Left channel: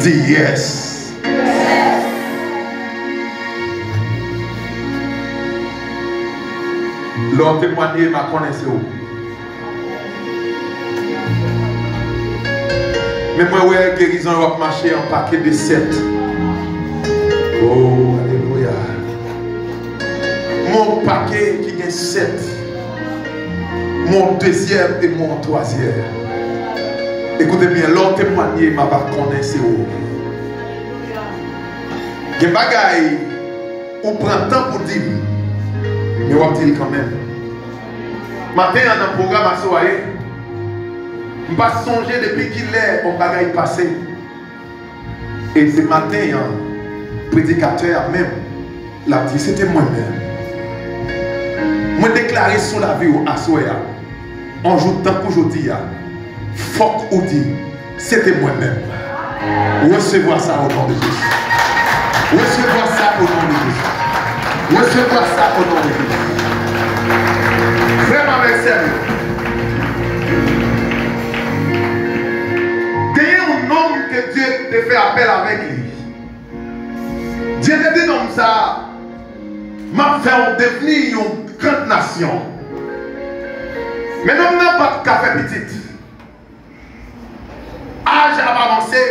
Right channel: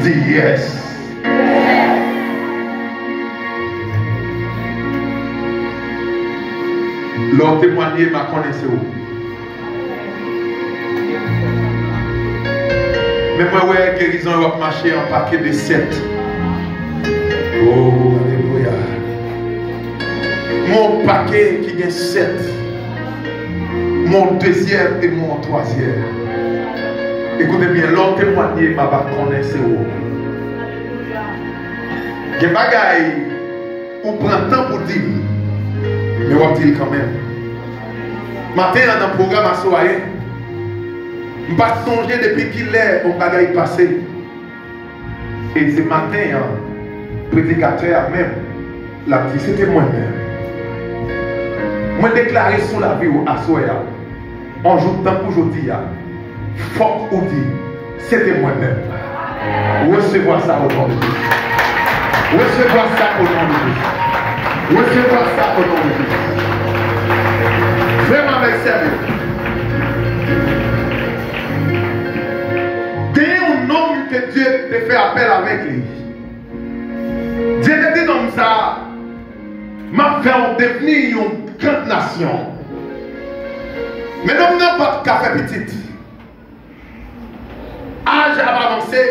Dis yes. L'homme témoigné m'a connaissé. Mais moi, ouais, guérison va marcher en paquet de 7. Oh, alléluia. Mon paquet qui est 7. Mon deuxième et mon troisième. Écoutez bien, l'homme témoigné m'a connaissé. Il y a des bagailles où prend temps pour dire, mais on va dire quand même. Matin, dans le programme à soirée, je ne vais pas songer depuis qu'il est au bagaille passé. Et ce matin, le prédicateur même l'a dit, c'était moi-même. Je déclaré sur la vie à soirée. On joue temps pour aujourd'hui. faut qu'on dise, c'était moi-même. Recevoir ça au nom de Jésus. Recevoir ça au nom de Jésus. Recevoir ça au nom de Jésus. Vraiment avec sérieux. Gagnez un homme que Dieu te fait appel avec lui. Dieu te dit comme ça, m'a fait devenir une grande nation. Mais même n'importe qu'a fait petite. Âge a avancé,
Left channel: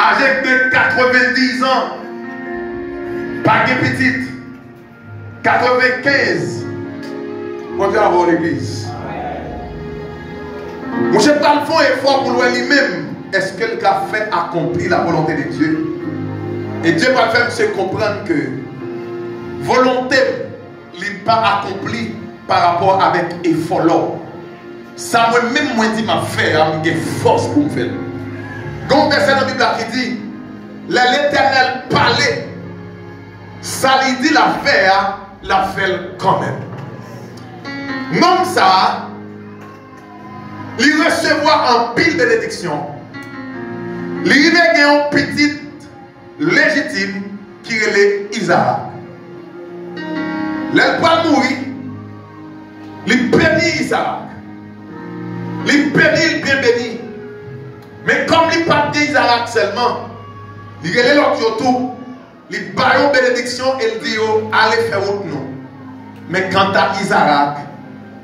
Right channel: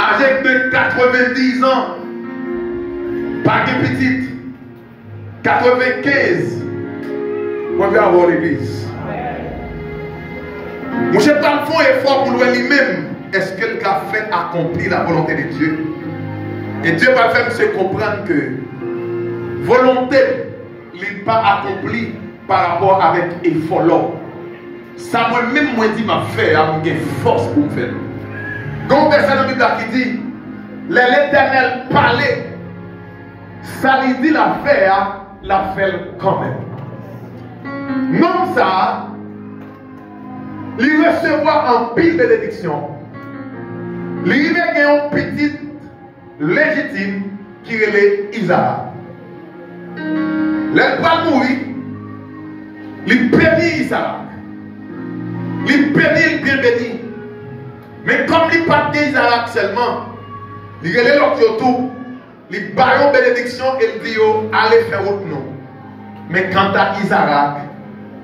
âgé de 90 ans, pas de petite, 95, on va avoir l'église. Mon chef dans le fond est fort pour lui-même. Est-ce qu'elle a fait accomplir la volonté de Dieu? Et Dieu va faire se comprendre que volonté n'est pas accomplie par rapport avec effort là. Ça moi-même moi dit m'a fait, j'ai force pour me faire. Donc verset dans la Bible qui dit l'Éternel parlait, ça lui dit la fait quand même. Non ça, il recevoir en pile bénédiction. Il y a un petit légitime qui est Isaac. Le pas mourir, il bénit Isaac. Il bénit, il bien béni. Mais comme il pas de Isaac seulement, il est l'autre autour, il baille une bénédiction et il dit allez faire autre nom. Mais quant à Isaac,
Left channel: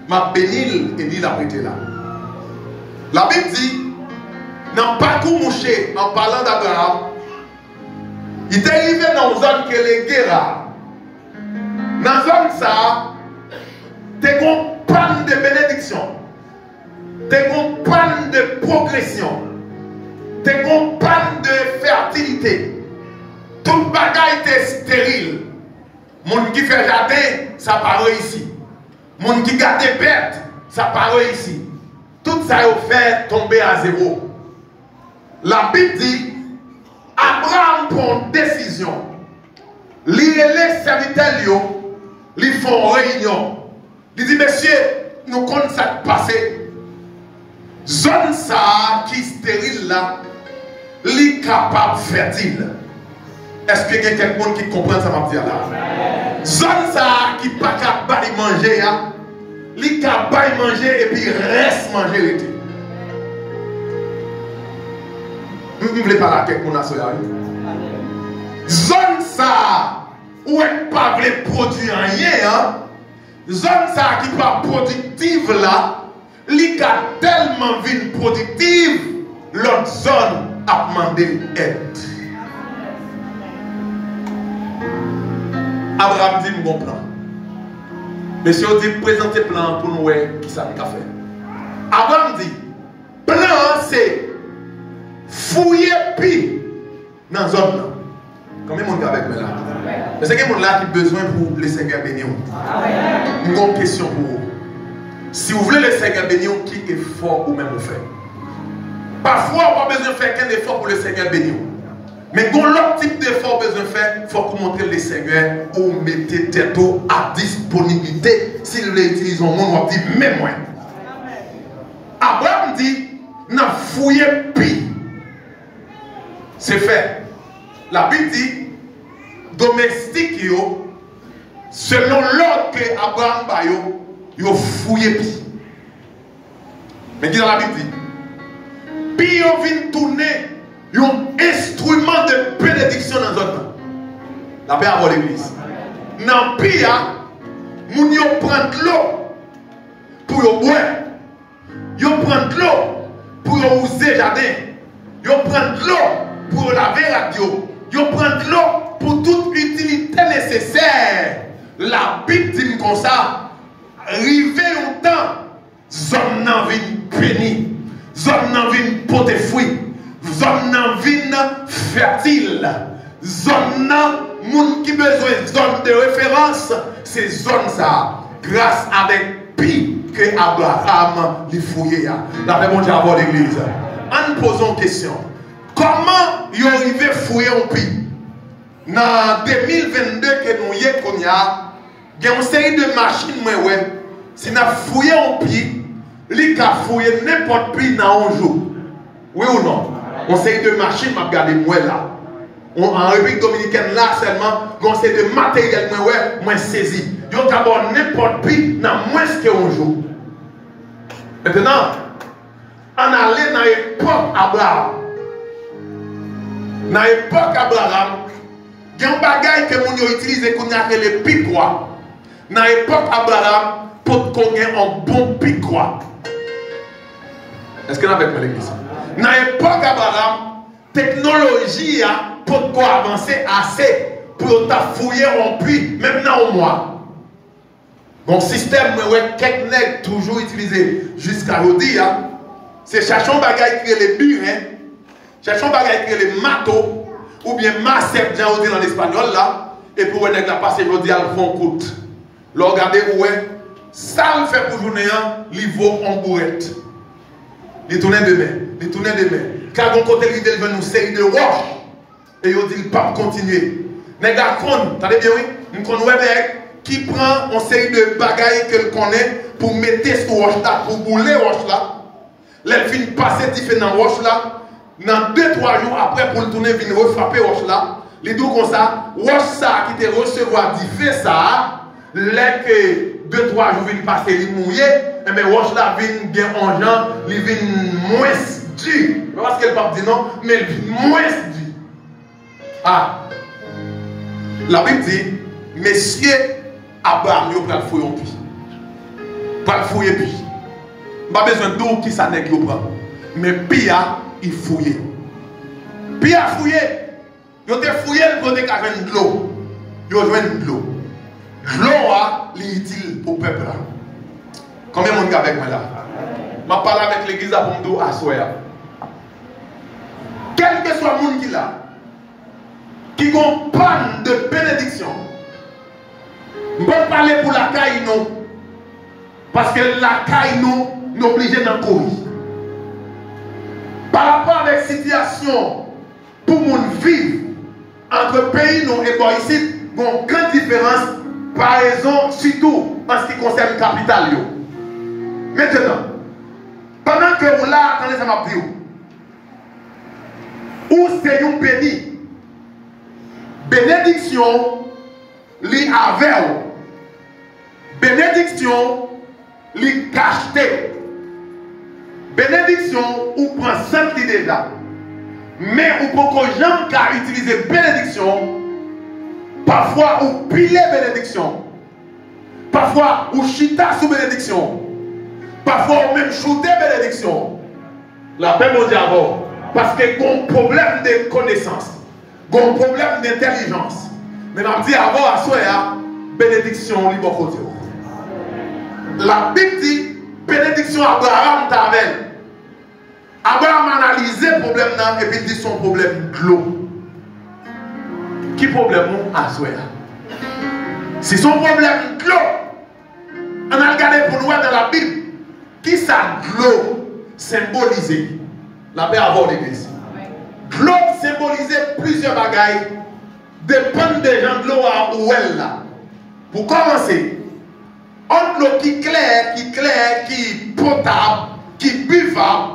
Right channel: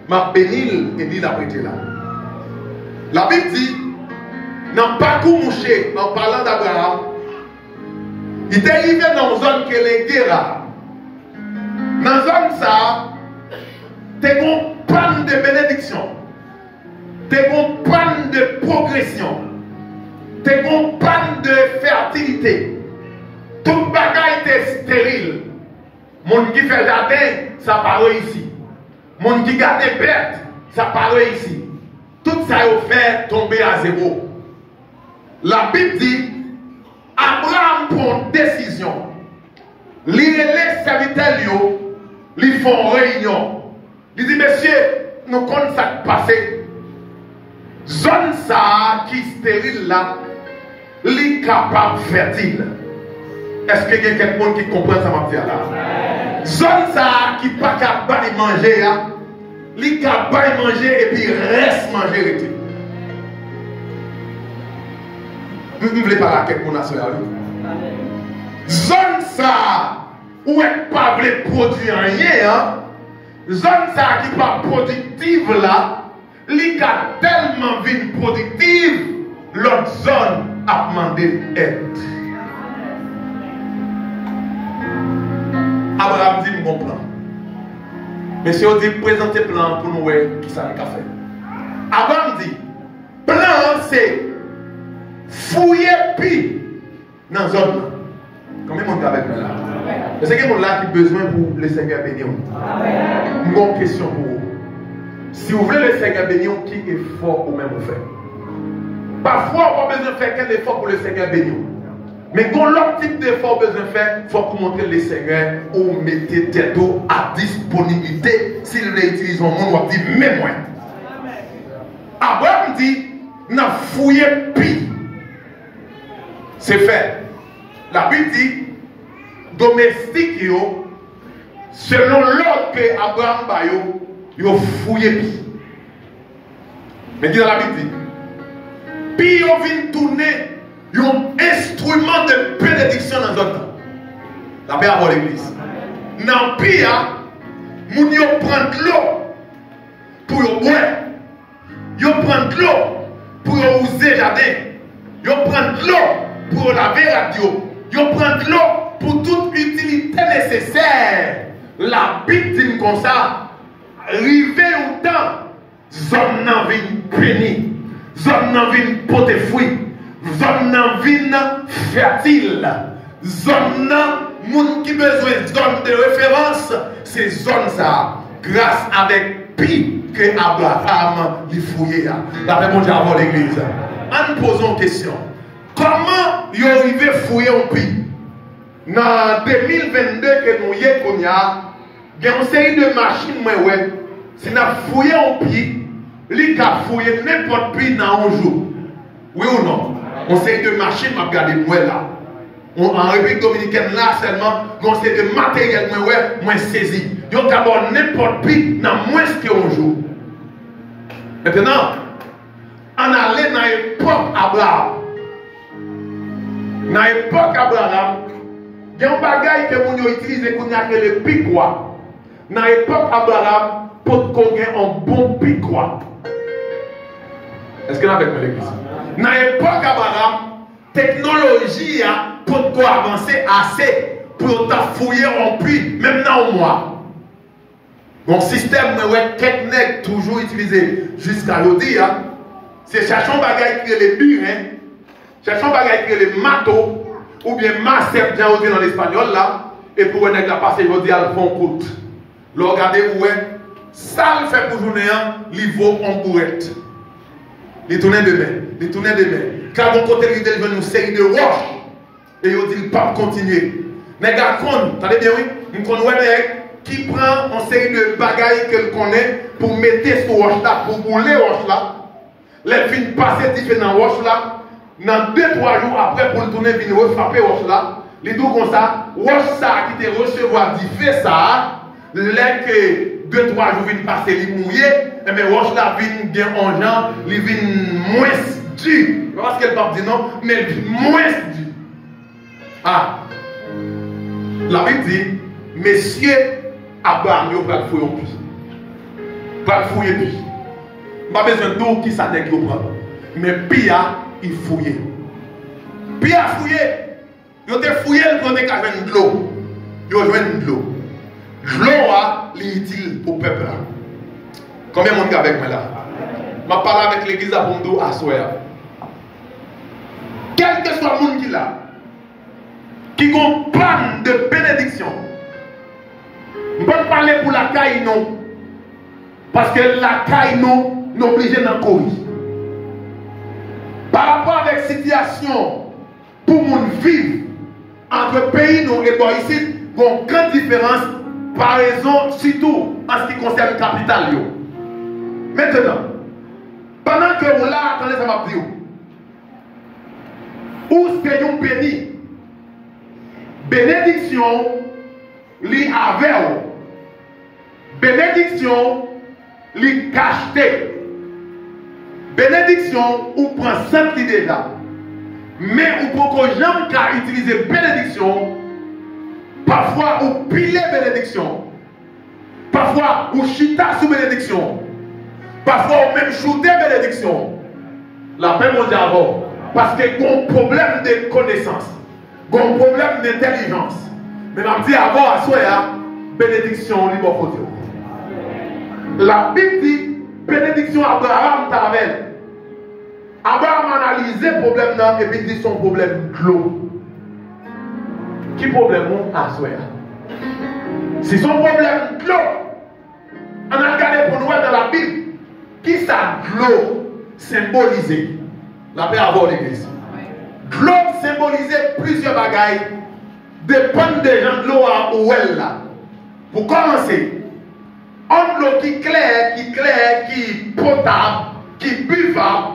m'a béni et il a prêté là. La Bible dit, dans le parcours mouché, en parlant d'Abraham, il était arrivé dans une zone qui est les guerres. Dans une zone ça, tu as une panne de bénédiction, tu as une panne de progression, tu as une panne de fertilité. Tout le bagage était stérile. Monde qui fait jardin, ça paraît ici. Monde qui garde des bêtes, ça paraît ici. Tout ça est fait tomber à zéro. La Bible dit, Abraham prend une décision. Les serviteurs, ils font réunion. Il dit, monsieur, nous comptons ça passer. Zone ça qui est stérile là, les capable fertile. Est-ce que quelqu'un qui comprend ça m'a dit là? Zone ça qui pas capable de manger, les capable de manger et puis reste manger. Nous ne voulons pas quelque chose à zone ça où elle pas voulu produire rien, zone ça qui pas productive là, li ka tellement vite productive, l'autre zone a demandé aide. Abraham dit mon plan. Monsieur dit présenter plan pour nous qui ça nous a fait. Abraham dit plan c'est fouiller pi dans la zone. Combien de monde avec moi là? Est-ce qu'il y a des gens qui ont besoin pour le Seigneur bénir? Une question pour vous. Si vous voulez le Seigneur bénir, qui effort ou même vous faites? Parfois, on n'a pas besoin de faire qu'un effort pour le Seigneur bénir. Mais quand l'autre type d'effort besoin de faire, il faut que vous montrez le Seigneur ou mettez tête à disponibilité. Si nous l'utilisons, on va dire même moi. Abraham dit, n'a fouillé pi. C'est fait. La Bible dit, domestique yo, selon l'ordre que Abraham bayo, yo fouillé pi. Mais qui dans la Bible dit, pi yo vient tourner un instrument de bénédiction dans notre temps. La paix avant l'église. Dans pi ya, moun yo prend l'eau pour yo boire. Yo prend l'eau pour yo user jardin. Yo prend l'eau pour laver la radio. Yo prend l'eau pour toute utilité nécessaire. La Bible dit comme ça, river au temps, zone nan vin béni, zone nan vin porter fruit, zone nan vin fertile, zone nan moun qui besoin zone de référence, c'est zone ça, grâce avec pi que Abraham lui fouillé. La paix bon Dieu avant l'église. En nous posant une question. Comment ils ont arrivé à fouiller un pi? Dans 2022 que nous y avons, il y a une série de machines, si nous fouillons un pi, il a fouillé n'importe qui dans un jour. Oui ou non? On sait de machines, m'a regardé moi là. En République dominicaine là seulement, on sait de matériel moi saisi. Yo d'abord n'importe qui dans moins qu'un jour. Maintenant, on allait dans l'époque Abraham. Dans l'époque Abraham, il y a un bagage que nous utilisons qu'on a appelé le piquois. Dans l'époque Abraham, pour qu'on ait un bon piquois. Est-ce que vous avez l'église? Dans l'époque Abraham, technologie a pour qu'on avancer assez pour fouiller en puits, même dans le mois. Mon système, quelques nègres toujours utilisé jusqu'à aujourd'hui, c'est chercher un bagage qui est les burins, chercher un bagage qui est les matos, ou bien massep, j'ai dit dans l'espagnol là, et pour les nègres passer aujourd'hui, elles font coûte. Là, regardez, ça le fait pour journée, il vaut en bourrette. Il tourne demain. Car mon côté, il veut nous série de roches, et il dit, il ne peut pas continuer. Mais gars, attendez bien, oui, nous connaissons qui prend une série de bagailles qu'elle connaît pour mettre ce roche là, pour bouler roche là. Les filles passer différents roches là. Dans 2-3 jours après, pour le tourner, venir refrapper roche là. Les deux comme ça, roche ça qui te recevoir du fait ça. Les que 2-3 jours viennent passer, ils mouillent. Et bien roche là vient bien en gens, ils viennent moins dur. Parce qu'elle ne dit non, mais elle vient moins dur. Ah. La Bible dit, messieurs, Abraham, il va fouiller en plus. Pas fouiller plus. Pas besoin de tout qui ça n'est qu'il prend. Mais Pia, il fouille. Pia fouillé. Il a fouillé pour des cavernes de l'eau. Il a joué de l'eau. L'eau est utile pour le peuple. Combien de monde avec moi là? Je parle avec l'église à Bondo à Soya. Quel que soit le monde qui là, qui a un plan de bénédiction. Je ne peux pas parler pour la caille non. Parce que la caille non, nous oblige dans le Covid. Par rapport à la situation pour nous vivre entre pays non et ici, il y a une grande différence par raison, surtout en ce qui concerne le capital. Maintenant, pendant que vous là, attendez, ça m'a dit où c'est un béni. Bénédiction, li avec. Bénédiction, li cacheté. Bénédiction, ou prend cette idée là. Mais ou pour que gens qui utilisent bénédiction, parfois ou piller bénédiction. Parfois ou chita sous bénédiction. Parfois ou même shooter bénédiction. La paix mon diable. Parce qu'il y a un problème de connaissance. Il y a un problème d'intelligence. Mais je dis avant à soi, bénédiction libre côté. La Bible dit bénédiction Abraham t'avait. Abraham a analysé le problème et puis dit son problème de l'eau. Qui problème à soi? Si son problème de l'eau, on a regardé pour nous dans la Bible, qui ça de l'eau symbolisé? La paix avant l'église. De l'eau symbolisait plusieurs bagailles. Dépend des gens de l'eau à où elle là. Pour commencer, entre l'eau qui claire, qui potable, qui buvable,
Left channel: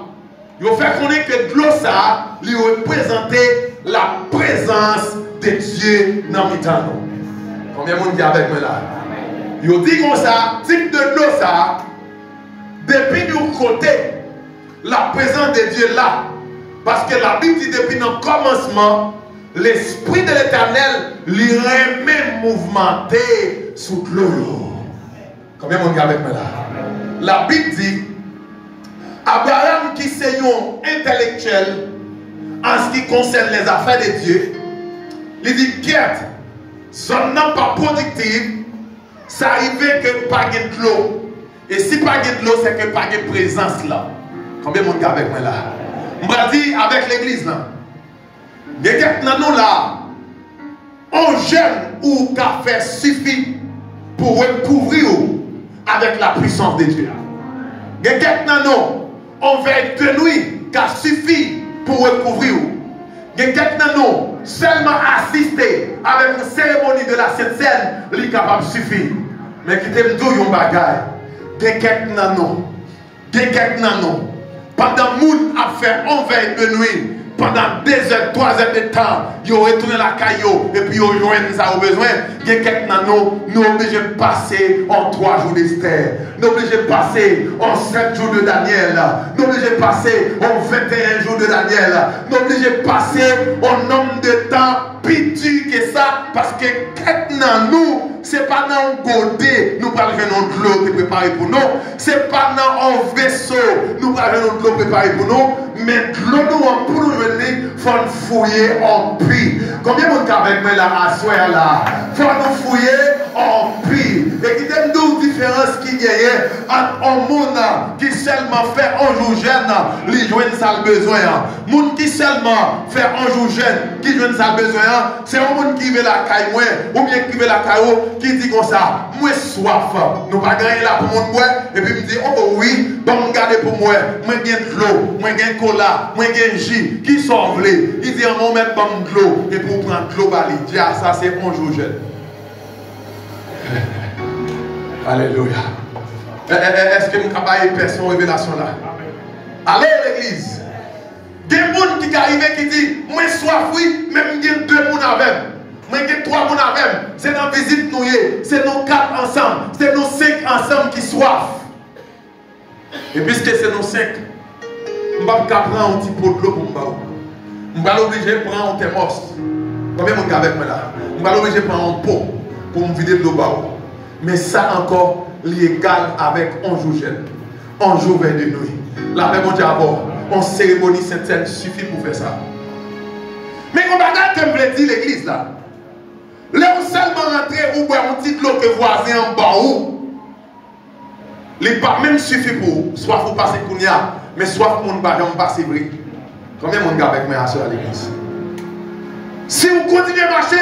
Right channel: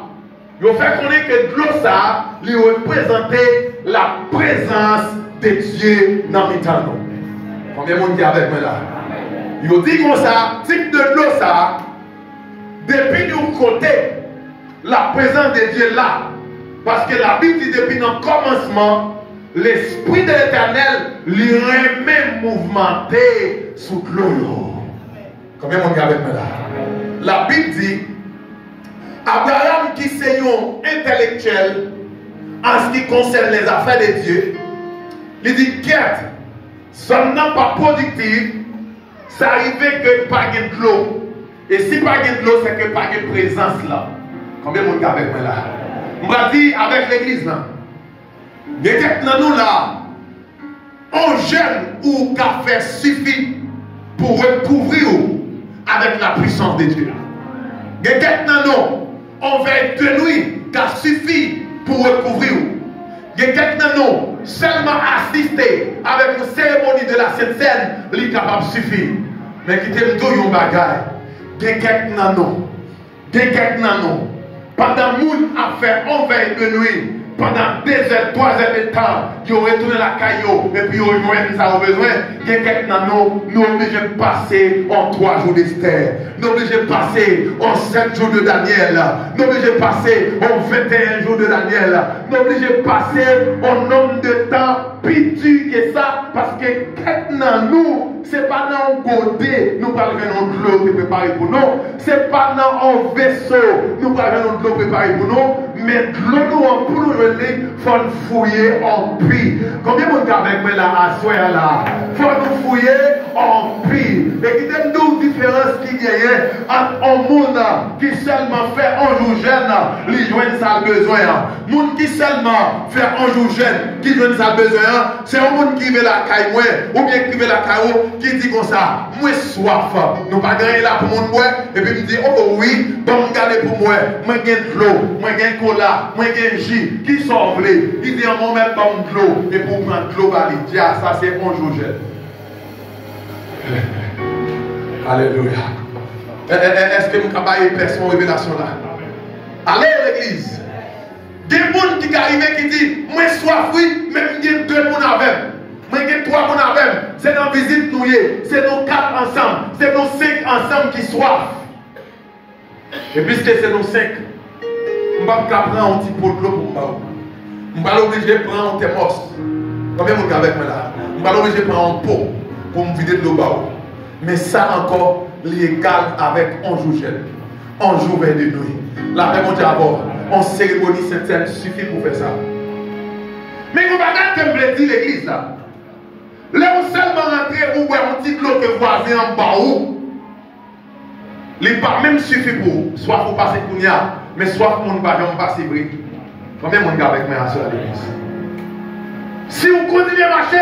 il fait connaître que de l'eau ça lui représentait la présence de Dieu dans le temps. Combien de monde qui est avec moi là? Il dit comme ça, type de l'eau ça, depuis du côté, la présence de Dieu là. Parce que la Bible dit depuis le commencement, l'Esprit de l'Éternel lui remet mouvementé sous l'eau. Combien de monde avec moi là? La Bible dit, Abraham qui est un intellectuel en ce qui concerne les affaires de Dieu, il dit, quête, seulement pas productif, ça arrive que pas de l'eau. Et si pas de l'eau, c'est que pas de présence là. Combien de monde avec moi là? Je vais dire avec l'église là. Il y a quelqu'un dans nous là, on jeûne ou café suffit pour recouvrir avec la puissance de Dieu. Il y a quelqu'un dans nous, on veille de nuit qui suffit pour recouvrir. Il y a quelqu'un dans nous, seulement assister avec une cérémonie de la Sainte Seine, il est capable de suffire. Mais qui te dit un bagage. Il y a quelqu'un dans nous, quelqu'un dans nous. Pendant que nous avons fait on veille de nuit, pendant 2 heures, 3 heures de temps, ils ont retourné la caillou et puis ils ont joint ça au besoin. Quelqu'un dans nous, nous sommes obligés de passer en 3 jours d'Esther. Nous sommes obligés de passer en 7 jours de Daniel. Nous sommes obligés de passer en 21 jours de Daniel. Nous sommes obligés de passer en nombre de temps plus dur que ça. Parce que quelqu'un dans nous, ce n'est pas dans un côté, nous parlons de l'eau qui est préparée pour nous. Ce n'est pas dans un vaisseau, nous parlons de l'eau préparée pour nous. Mais de l'eau pour nous venir, il faut nous fouiller en prix. Combien de monde avec moi là à soir là? Il faut nous fouiller en prix. Et qui t'aime d'où différence qu'il y a entre un monde qui seulement fait un jour jeune, lui joigne ça besoin. Le monde qui seulement fait un jour jeune, qui joigne ça besoin, c'est un monde qui veut la caille moi, ou bien qui veut la caille, qui dit comme ça, moi soif, nous pas gagner là pour mon boire, et puis me dit, oh oui, bon me garder pour moi j'ai de l'eau, moi j'ai cola, moi j'ai jus, qui sont vlés. Il dit, on va mettre bon de l'eau, et pour prendre de l'eau, il dit, ah ça c'est un jour jeune. Alléluia. Est-ce que vous avez une personne révélation là? Allez à l'église. Il y a des gens qui arrivent qui disent, moi soif, oui, mais il y a 2 personnes avec. Moi j'ai 3 personnes avec. C'est dans la visite nous, c'est nos 4 ensemble, c'est nos 5 ensemble qui soif. Et puisque c'est nos 5, je ne vais pas prendre un petit pot de l'eau pour moi. Je ne vais pas obligé de prendre un thermos. Combien de monde avec moi là? Je ne vais pas obligé de prendre un pot pour me vider de l'eau. Mais ça encore, l'égal avec un jour jeune, un jour vers de nuit. La paix mon Dieu d'abord, en cérémonie sainte suffit pour faire ça. Mais on va regarder comme je dis l'église là. Là où seulement rentrer ou boire un petit de l'eau que voisin en bas où, les pas même suffit pour soit vous passer Kounia, mais soit pour ne pas passer bris. Combien de monde avec moi à l'église? Si vous continuez à marcher,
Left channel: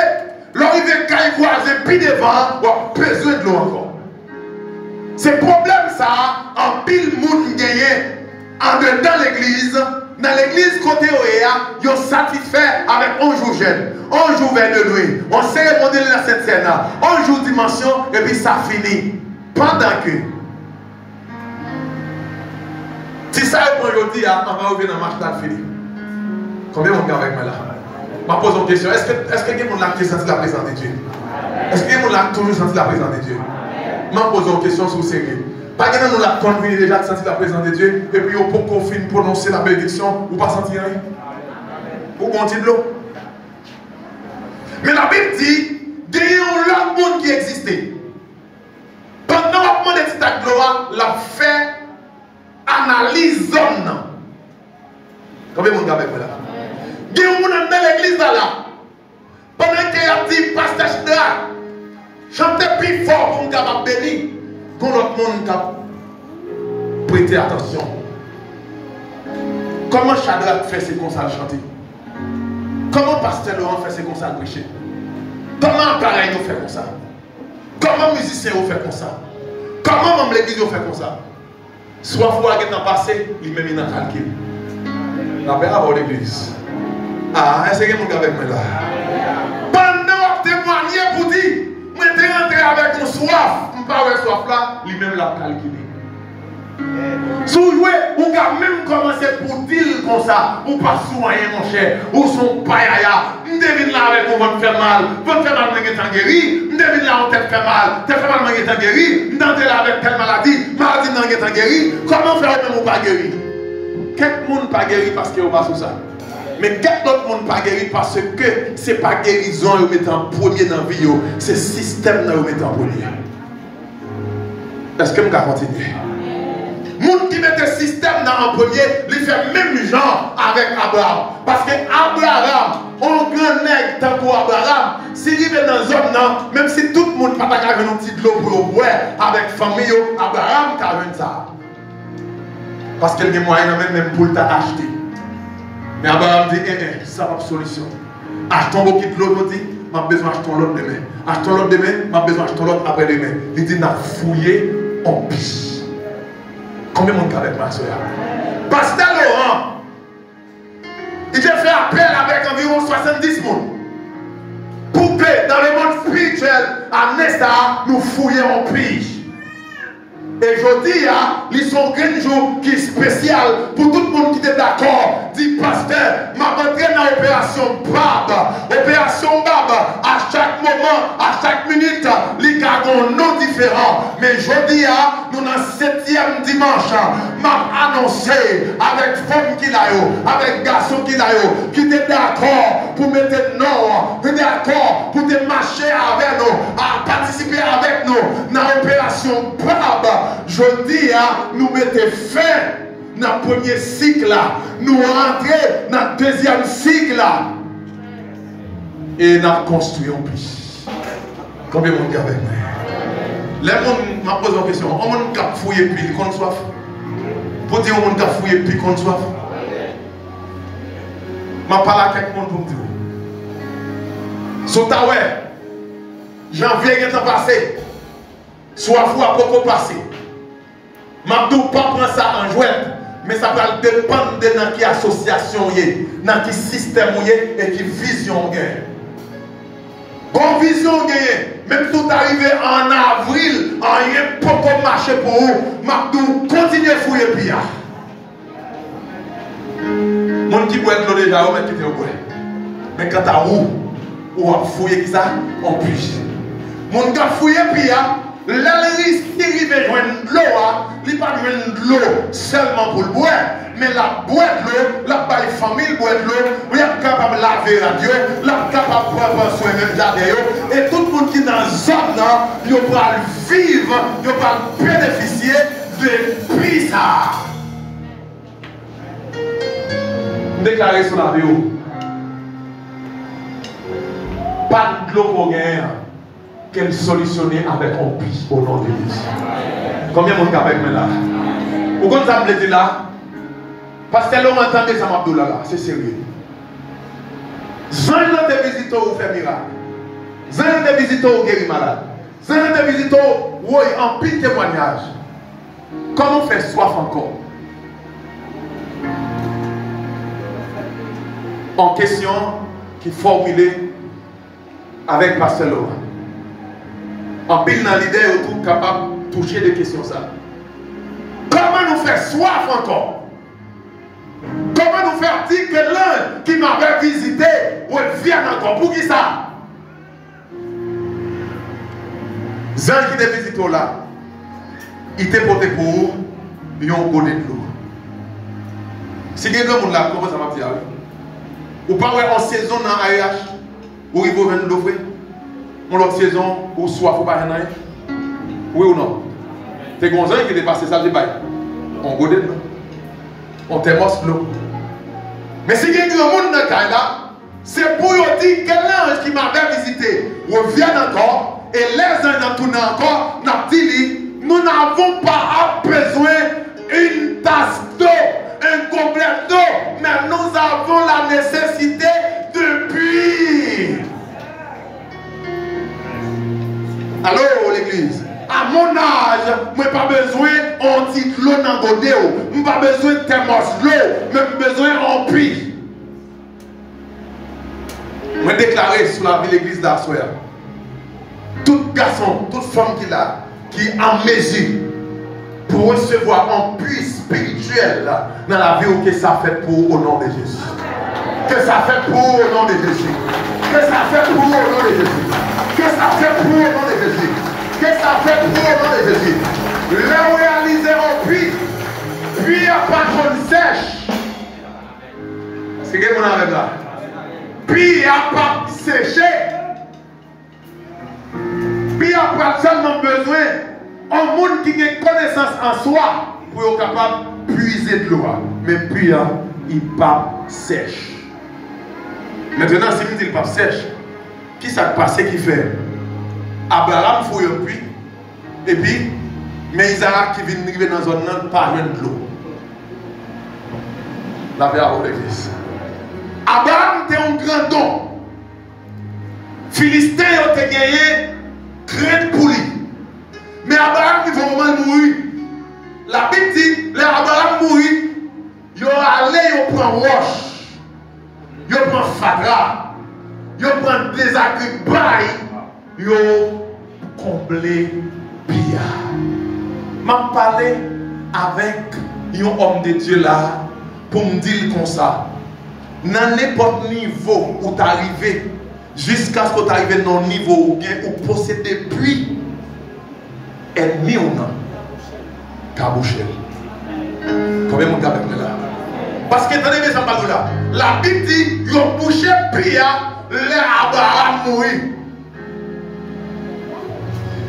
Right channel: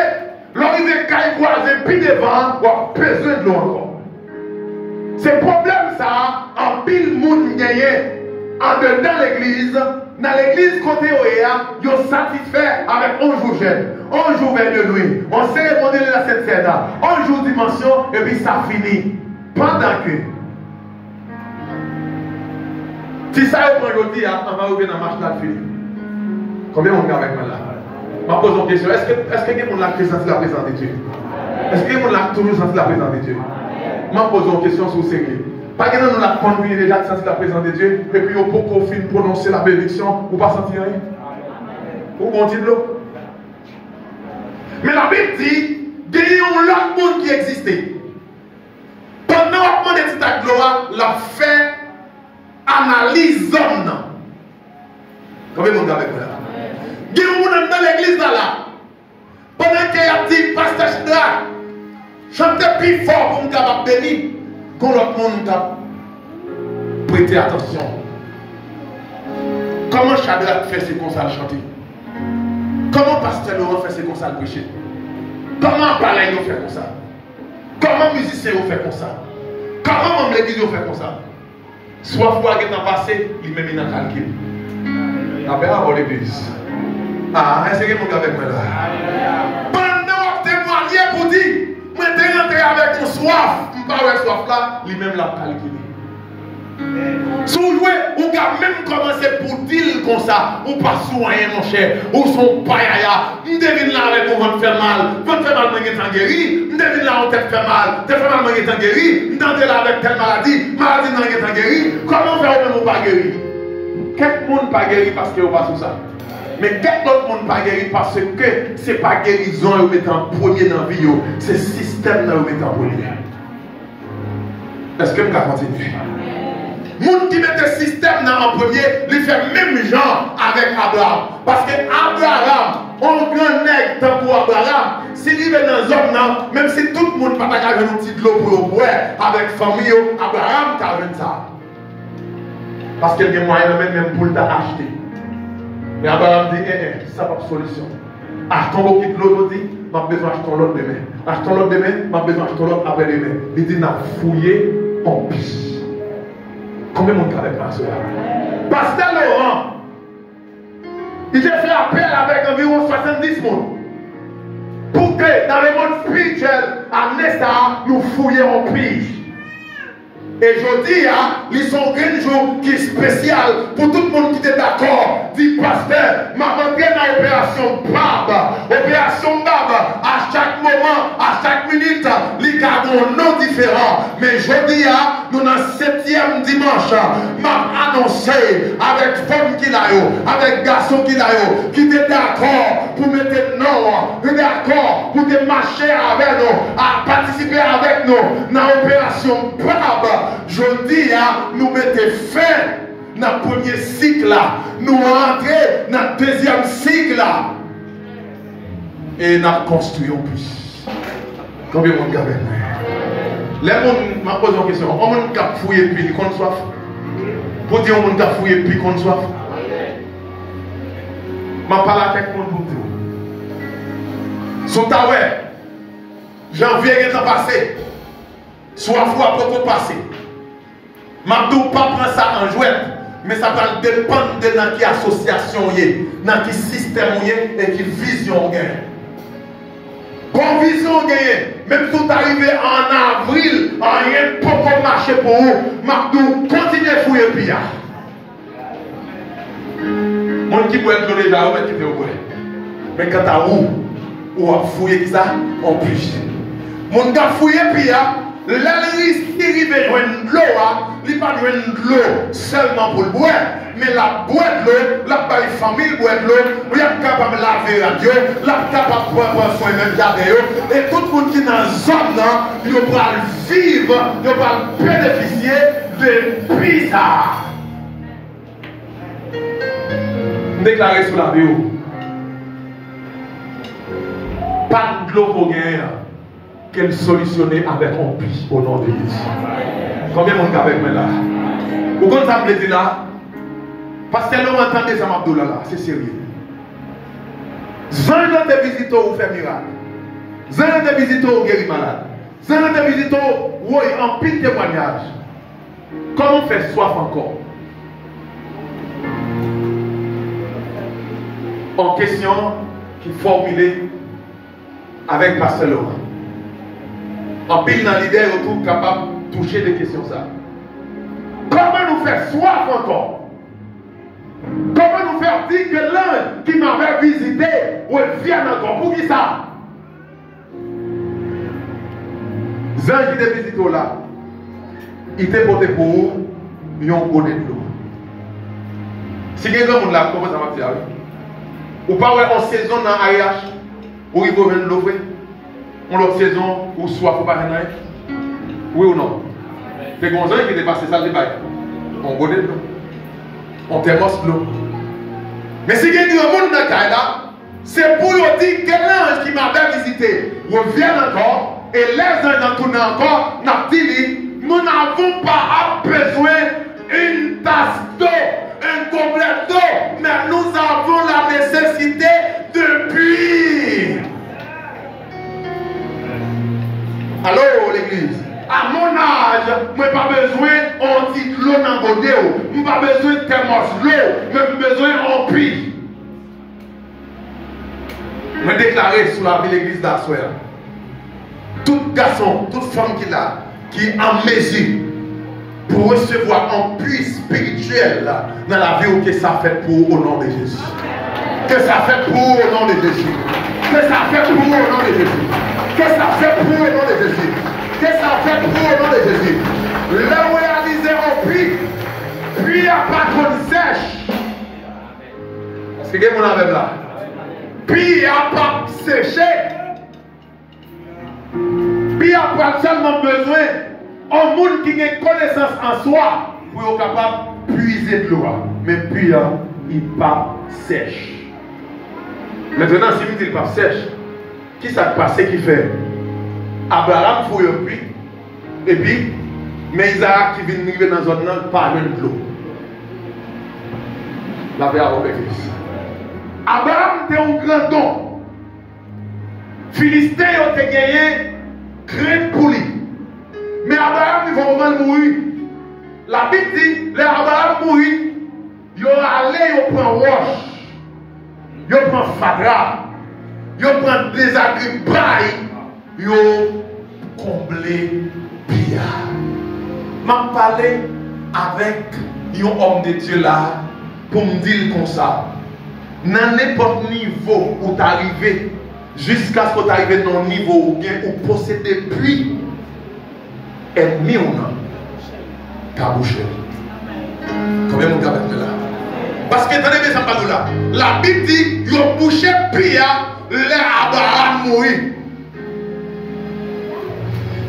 l'arrivée caille voisin, puis devant, vous avez besoin de l'eau encore. C'est le problème ça, en pile monde gagné en dedans l'église, dans l'église côté Oéa, ils sont satisfaits avec un jour jeune, un jour vers de nuit, on cérémonie de la Sainte Seine, un jour dimension, et puis ça finit. Pendant que, si ça est aujourd'hui, on va revenir dans la marche là, fini. Combien on garde avec moi là? Je me pose une question, est-ce que quelqu'un a senti la présence de Dieu? Est-ce que quelqu'un a toujours senti la présence de Dieu? Je me pose une question sur le sérieux. Pas que nous la conduit déjà senti la présence de Dieu, et puis pour qu'on finisse prononcer la bénédiction, ou pas sentir rien? Ou continuer de l'eau? Mais la Bible dit, il y a un autre monde qui existait. Pendant qu'on est à gloire, la fait analyse zone. Combien de monde avec moi là? Il y a un monde dans l'église là. Pendant qu'il a dit, pasteur Chidra, chantez plus fort pour me capable bénir. Quand l'autre monde a prêté attention. Comment Chadra fait ses concerts chanter? Comment pasteur Laurent fait ses concerts prêcher? Comment pareil nous fait comme ça? Comment musicien nous fait comme ça? Comment membre l'église nous fait comme ça? Soit fois qu'il a passé, il met dans le calcul. La paix à l'église. Ah, est-ce que vous avez avec moi là? Pendant que témoigner pour dire, moi je suis rentré avec une soif, je ne pas avec soif là, lui-même l'a calculé. Si vous jouez, vous pouvez même commencer pour dire comme ça, ou pas soigner mon cher, ou son païa, je devine là avec vous, vous fait mal, vous fait mal, vous êtes guéri, je devine là, vous fait mal, vous fait mal, vous êtes guéri, vous êtes là avec telle maladie, vous êtes guéri, comment faire vous même pas guéri? Quel monde pas guéri parce que vous pas sur ça? Mais quel autre monde pas guéri parce que ce n'est pas guérison que vous mettez en premier dans la vie, c'est le système que vous mettez en premier. Est-ce que vous pouvez continuer? Les gens qui mettent le système en premier, ils font même genre avec Abraham. Parce que Abraham, on grand nègre tant pour Abraham, s'il est dans une zone, même si tout le monde n'a pas un petit de l'eau pour boire avec la famille, Abraham a ça. Parce qu'il y a des moyens même pour t'acheter. Mais Abraham dit, ça n'a pas de solution. Achetons l'eau qui de l'eau, dit, j'ai besoin d'acheter l'autre demain. Achetons l'autre demain, j'ai besoin d'acheter l'autre après demain. Il dit, n'a fouillé en pisse. Combien de monde avec ma soeur? Pasteur Laurent, il a fait appel avec environ 70 personnes. Pour que dans le monde spirituel, à Nesta, nous fouillions en pige. Et je dis, ils sont un jour qui est spécial pour tout le monde qui est d'accord. Dit pasteur, m'a rentré dans l'opération BAB. Opération BAB, à chaque moment, à chaque minute, les cas ont non différents. Mais je dis, nous dans le 7e dimanche, m'a annoncé avec femme qui l'a eu, avec garçon qui l'a eu, qui est d'accord pour mettre nous, qui est d'accord pour marcher avec nous, à participer avec nous dans l'opération BAB. Je dis, nous mettons fin dans le premier cycle, nous rentrons dans le deuxième cycle et nous construisons plus. Combien de monde avec moi? Les gens m'a posé une question. On monde qui fouiller puis qu'on soif. Pour dire on monde qui fouiller puis qu'on soif. Je parle avec monde pour dire. Sotawe, janvier est passé. Soif ou à beaucoup passé. Mabdou pas prendre ça en jouet, mais ça va dépendre de dans quelle association dans quel système et quelle vision bonne vision même tout arrivé en avril, rien pour marcher pour vous. Mabdou continue à fouiller pia. Mon qui boit de l'eau déjà, on met qui te au bois. Mais quand t'as ou à fouiller ça, en plus. Mon gars fouiller pia. L'allérie, si il veut joindre de l'eau, il ne va pas joindre de l'eau seulement pour le boire, mais la boire de l'eau, la belle famille boire de l'eau, il est capable de laver la Dieu, il est capable de prendre soin même jardin, et tout le monde qui est dans la zone, il va vivre, il va bénéficier de prix ça. Déclaré sur la bio. Pas de l'eau pour gagner. Qu'elle solutionner avec un puits au nom de Jésus. Combien de monde avec moi là? Pourquoi ça me dit là? Parce que l'on entendait ça m'abdoula là, c'est sérieux. Zan de visiteurs ou fait miracle. Zan de visiteurs ou guérir malade. Zan de visiteurs ou en pile témoignage. Comment faire soif encore? En question qui formulée avec Pasteur Laurent. En pile dans l'idée autour capable de toucher des questions ça. Comment nous faire soif encore? Comment nous faire dire que l'un qui m'avait visité vient encore? Pour qui ça? Zan qui te visite là, il t'a porté pour vous, il a un bonnet de l'eau. Si quelqu'un de là, comment ça va faire? Ou pas en saison dans AIH, où il faut venir l'offrir? On l'autre saison où soif ou pas rien. Oui ou non? C'est comme ça qui est passé ça, on bonnet de l'eau. On thermos l'eau. Mais si quelqu'un de monde dans le là, c'est pour dire que l'ange qui m'avait visité revient encore, et les uns tournent encore, nous n'avons pas besoin d'une tasse d'eau, un gobelet d'eau, mais nous avons la nécessité de puits. Allô l'église? À mon âge, je n'ai pas besoin d'un petit l'eau dans le godé, je n'ai pas besoin de thermos l'eau, mais j'ai besoin d'un puits. Je déclaré sur la vie de l'église d'Assoir. Tout garçon, toute femme qui est en mesure pour recevoir un puits spirituel dans la vie que ça fait pour au nom de Jésus. Que ça fait pour au nom de Jésus. Que ça fait pour au nom de Jésus. Que ça fait pour au nom de Jésus. Que ça fait pour au nom de Jésus. Le réaliser en puits. Puis à pas de sèche. Est-ce que vous avez avec là? Puis à pas sécher. Puis il n'y a pas seulement besoin d'un monde qui a connaissance en soi pour être capable de puiser de l'eau. Mais puis il n'est pas sèche. Maintenant, si vous dites qu'il n'est pas sèche, qui s'est passé qui fait? Abraham fouille un puits, et puis, mais Isaac qui vient arriver dans la zone, pas de l'eau. La paix avant l'église. Abraham était un grand don. Philistin a gagné crainte pour lui. Mais Abraham, il va vraiment mourir. La Bible dit, les Abraham mourit, il va aller, il prend roche, il prend fadra, il prend des agribailles, il comblé pia. m'a parlé avec un homme de Dieu là pour me dire comme ça. Dans n'importe niveau où tu es arrivé, jusqu'à ce que tu arrives dans un niveau où tu possèdes depuis ennemi ou non, tu as bouché. Quand même, on a là. Parce que attendez bien ça pas là. La Bible dit ils ont bouché puis les Abraham mourir.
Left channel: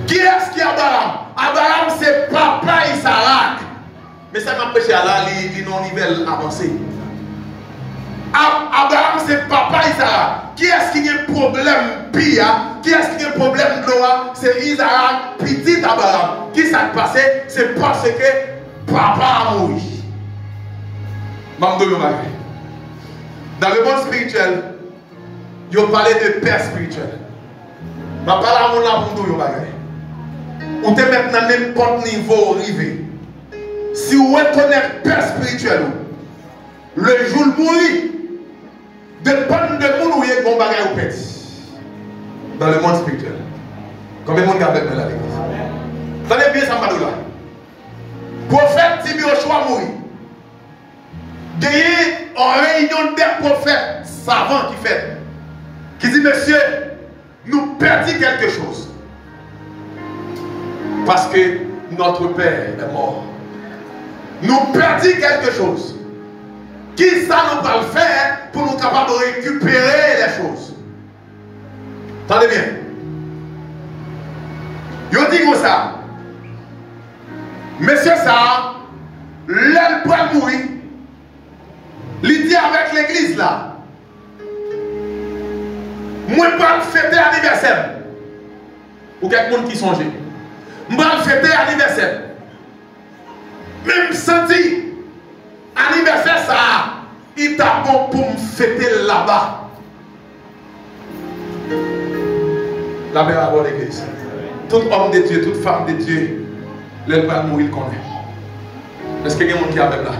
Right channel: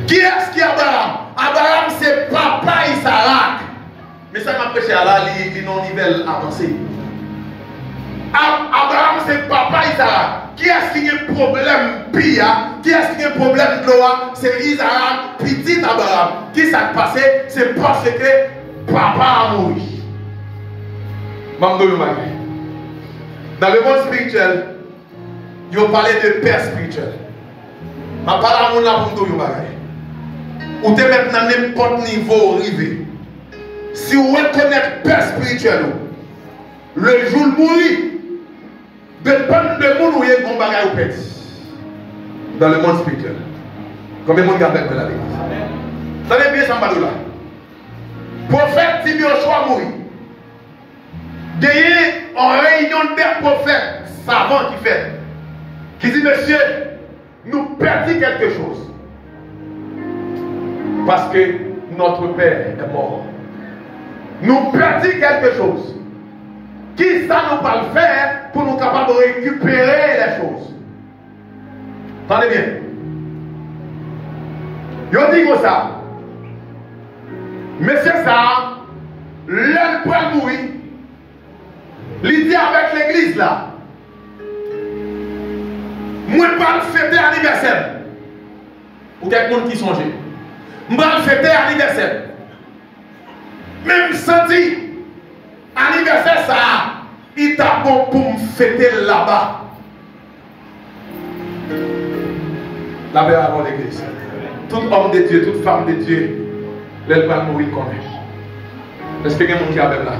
Qui est-ce qui est Abraham? Abraham c'est papa Isaac. Mais ça m'a prêché à là, il non niveau avancé. Abraham c'est papa Isaac. Qui est-ce qui a un problème pire? Qui est-ce qui a un problème de loi? C'est Isaac, petit Abraham. Qui s'est passé? C'est parce que papa a mouru. Dans le monde spirituel, il parlait de père spirituel. Je parle à mon amour de bagage. Ou te mettre dans n'importe niveau arrivé. Si vous reconnaissez père spirituel, le jour de mourir, dépend de monde où il y a un bagage au père. Dans le monde spirituel. Combien de monde garde de la l'église? Tenez bien ça, là. Prophète Tibio Choix mourir. Gagné en réunion des prophètes savants qui dit monsieur, nous perdons quelque chose. Parce que notre père est mort. Nous perdons quelque chose. Qui ça nous va le faire pour nous capables de récupérer les choses? Attendez bien. Je dis comme ça. Monsieur ça, l'homme peut mourir. Il dit avec l'église là. Moi, je vais fêter l'anniversaire. Ou quelqu'un qui songe. Je vais fêter l'anniversaire. Même senti, anniversaire ça, il t'a bon pour me fêter là-bas. Là-bas avant l'église. Tout homme de Dieu, toute femme de Dieu, l'elle va mourir, il connaît. Est-ce que quelqu'un qui est avec là?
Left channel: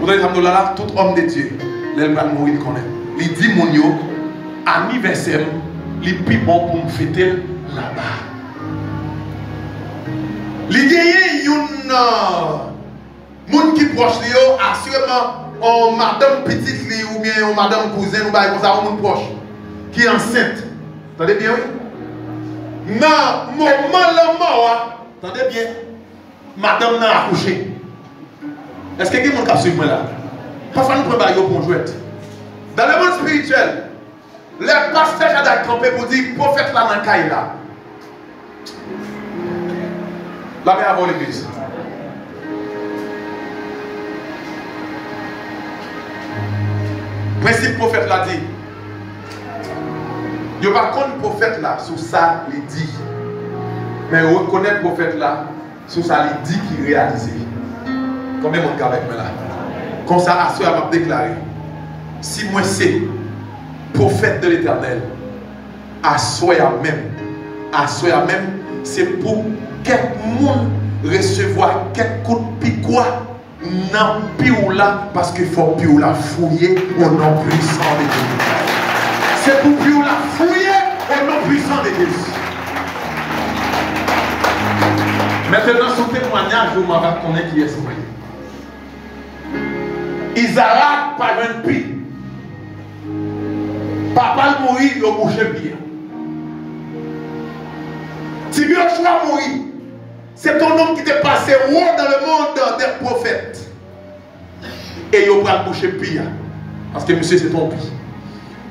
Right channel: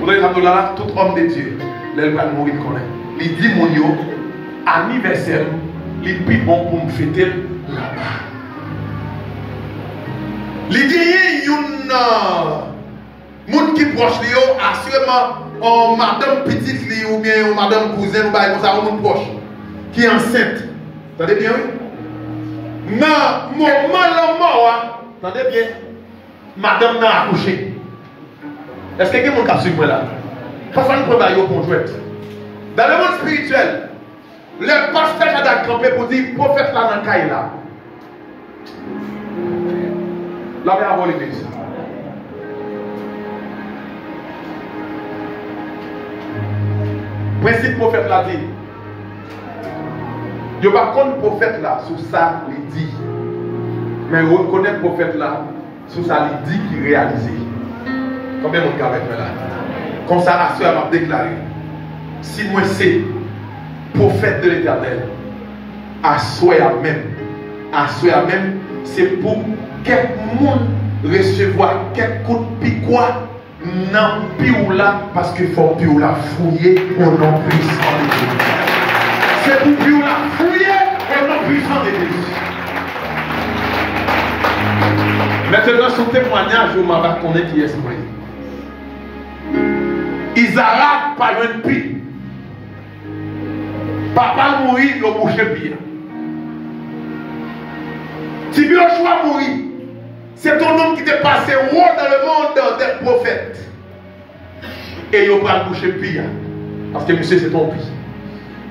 Vous voyez, tout homme de Dieu, l'elle va mourir, il connaît. Il dit, mon yo, anniversaire, il est plus bon pour me fêter là-bas. Il y a un monde qui proche de lui, assurément, madame petite ou bien madame cousine, ou bien un monde proche, qui est enceinte. Attendez bien, oui? Non, moment mort, attendez bien, madame n'a accouché. Est-ce que quelqu'un a suivi moi là? Parfois nous prenons pour jouer. Dans le monde spirituel, le pasteur a campé pour dire prophète là dans le caille là. Là, mais avant l'église. Principe prophète l'a dit. Il n'y a pas qu'un prophète là sur ça, il dit. Mais on reconnaît le prophète là sur ça, il dit qu'il réalise. Combien de monde avec moi là? Comme ça, Assoya m'a déclaré. Si moi c'est prophète de l'éternel, Assoya même, c'est pour quelqu'un recevoir quelques coups de picoua dans le pioula parce qu'il faut pioula fouiller au nom puissant de Dieu. C'est pour pioula fouiller au nom puissant de Dieu. Maintenant, sur témoignage, je m'en connaître qui est ce moyen. Isaac par un pi. Papa mourit, il a bouché bien. Si bien le choix mourit, c'est ton homme qui t'est passé haut dans le monde des prophètes. Et il a bouché bien. Parce que monsieur, c'est ton pi.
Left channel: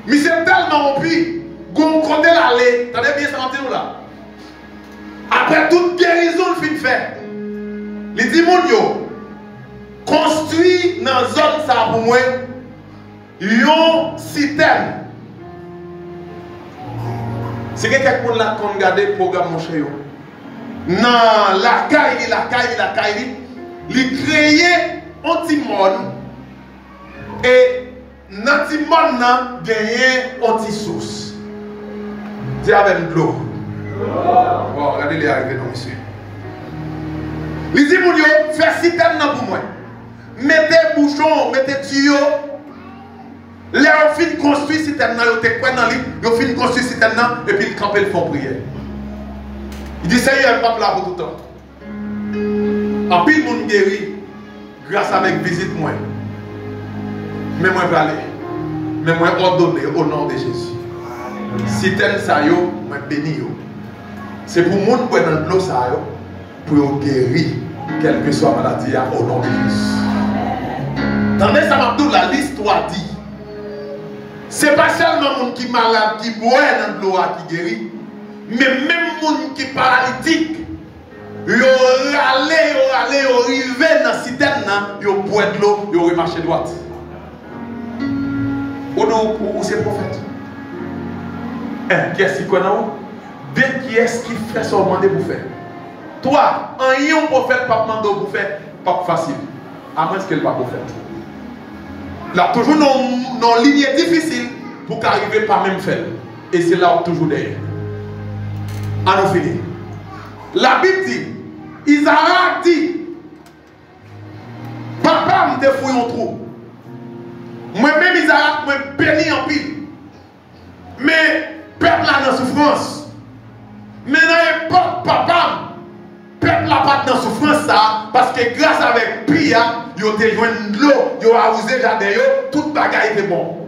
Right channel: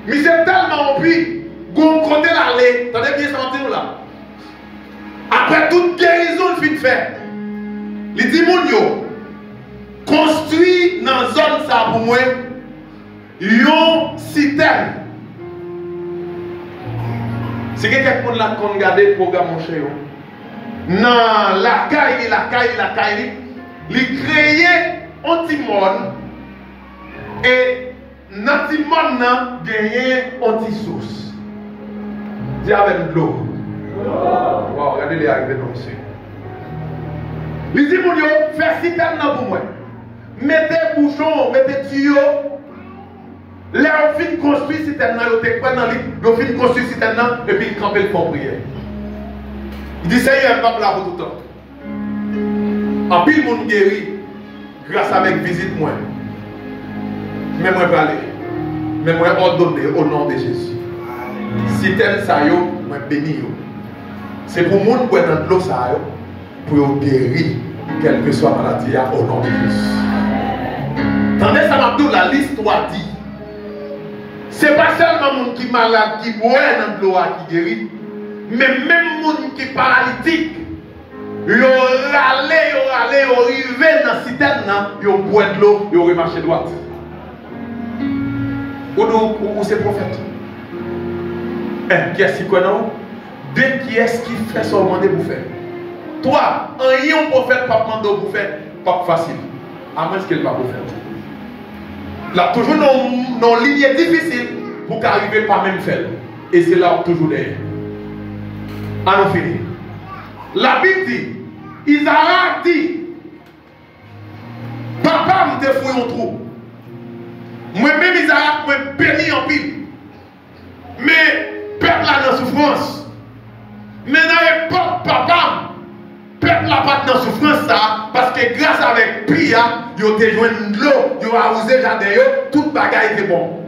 Mais c'est tellement pi, qu'on compte l'aller. Attendez bien, ça va là. Après toute guérison, il fait faire. Les démons, construit dans la zone ça pour moi une citerne. C'est que quelqu'un là qu'on regarde le programme mon cher. Non, la caille, il créé un petit monde et dans ce petit monde là gagné un petit source. Dis avec de l'eau. Wow, regardez les arrivées comme ça. Il dit mon Dieu, fais citerne pour moi. Mettez bouchon, mettez tuyau. Là, on finit construire citerne, on te prend dans l'île, on finit construire citerne, et puis il campe le fond prière. Il dit, ça y est, un pape là pour tout le temps. En pile, monde guéri grâce à la visite moi. Mais moi, je vais aller. Mais moi, ordonner au nom de Jésus. Si tel ça yo, moi béni yo. C'est pour monde qui est dans l'eau ça yo, pour guérir quelle que soit la maladie au nom de Jésus. Tandis ça m'a dit la l'histoire dit. C'est pas seulement monde qui est malade qui boit dans l'eau qui guérit, mais même monde qui est paralytique. Yo râlé, yo arrivé dans la citerne, yo boit de l'eau, yo remarché droite. Ou c'est prophète. Qui est-ce qui connaît? Bien qui est-ce qui fait son mandat pour faire? Toi, un prophète pas demandé pour faire, pas facile. À moins qu'elle va prophète. Là, toujours dans une ligne difficile pour qu'arriver par même faire. Et c'est là où toujours derrière. Alors, fini. La Bible dit, Isaac dit, papa me défouille en trou. Moi-même, Isaac, moi béni en pile. Mais, peuple là dans souffrance. Mais dans l'époque, papa, peuple là pas dans souffrance ça, parce que grâce avec Pia, ils ont joué de l'eau, ils ont arrosé le jardin, toute bagaille était bon.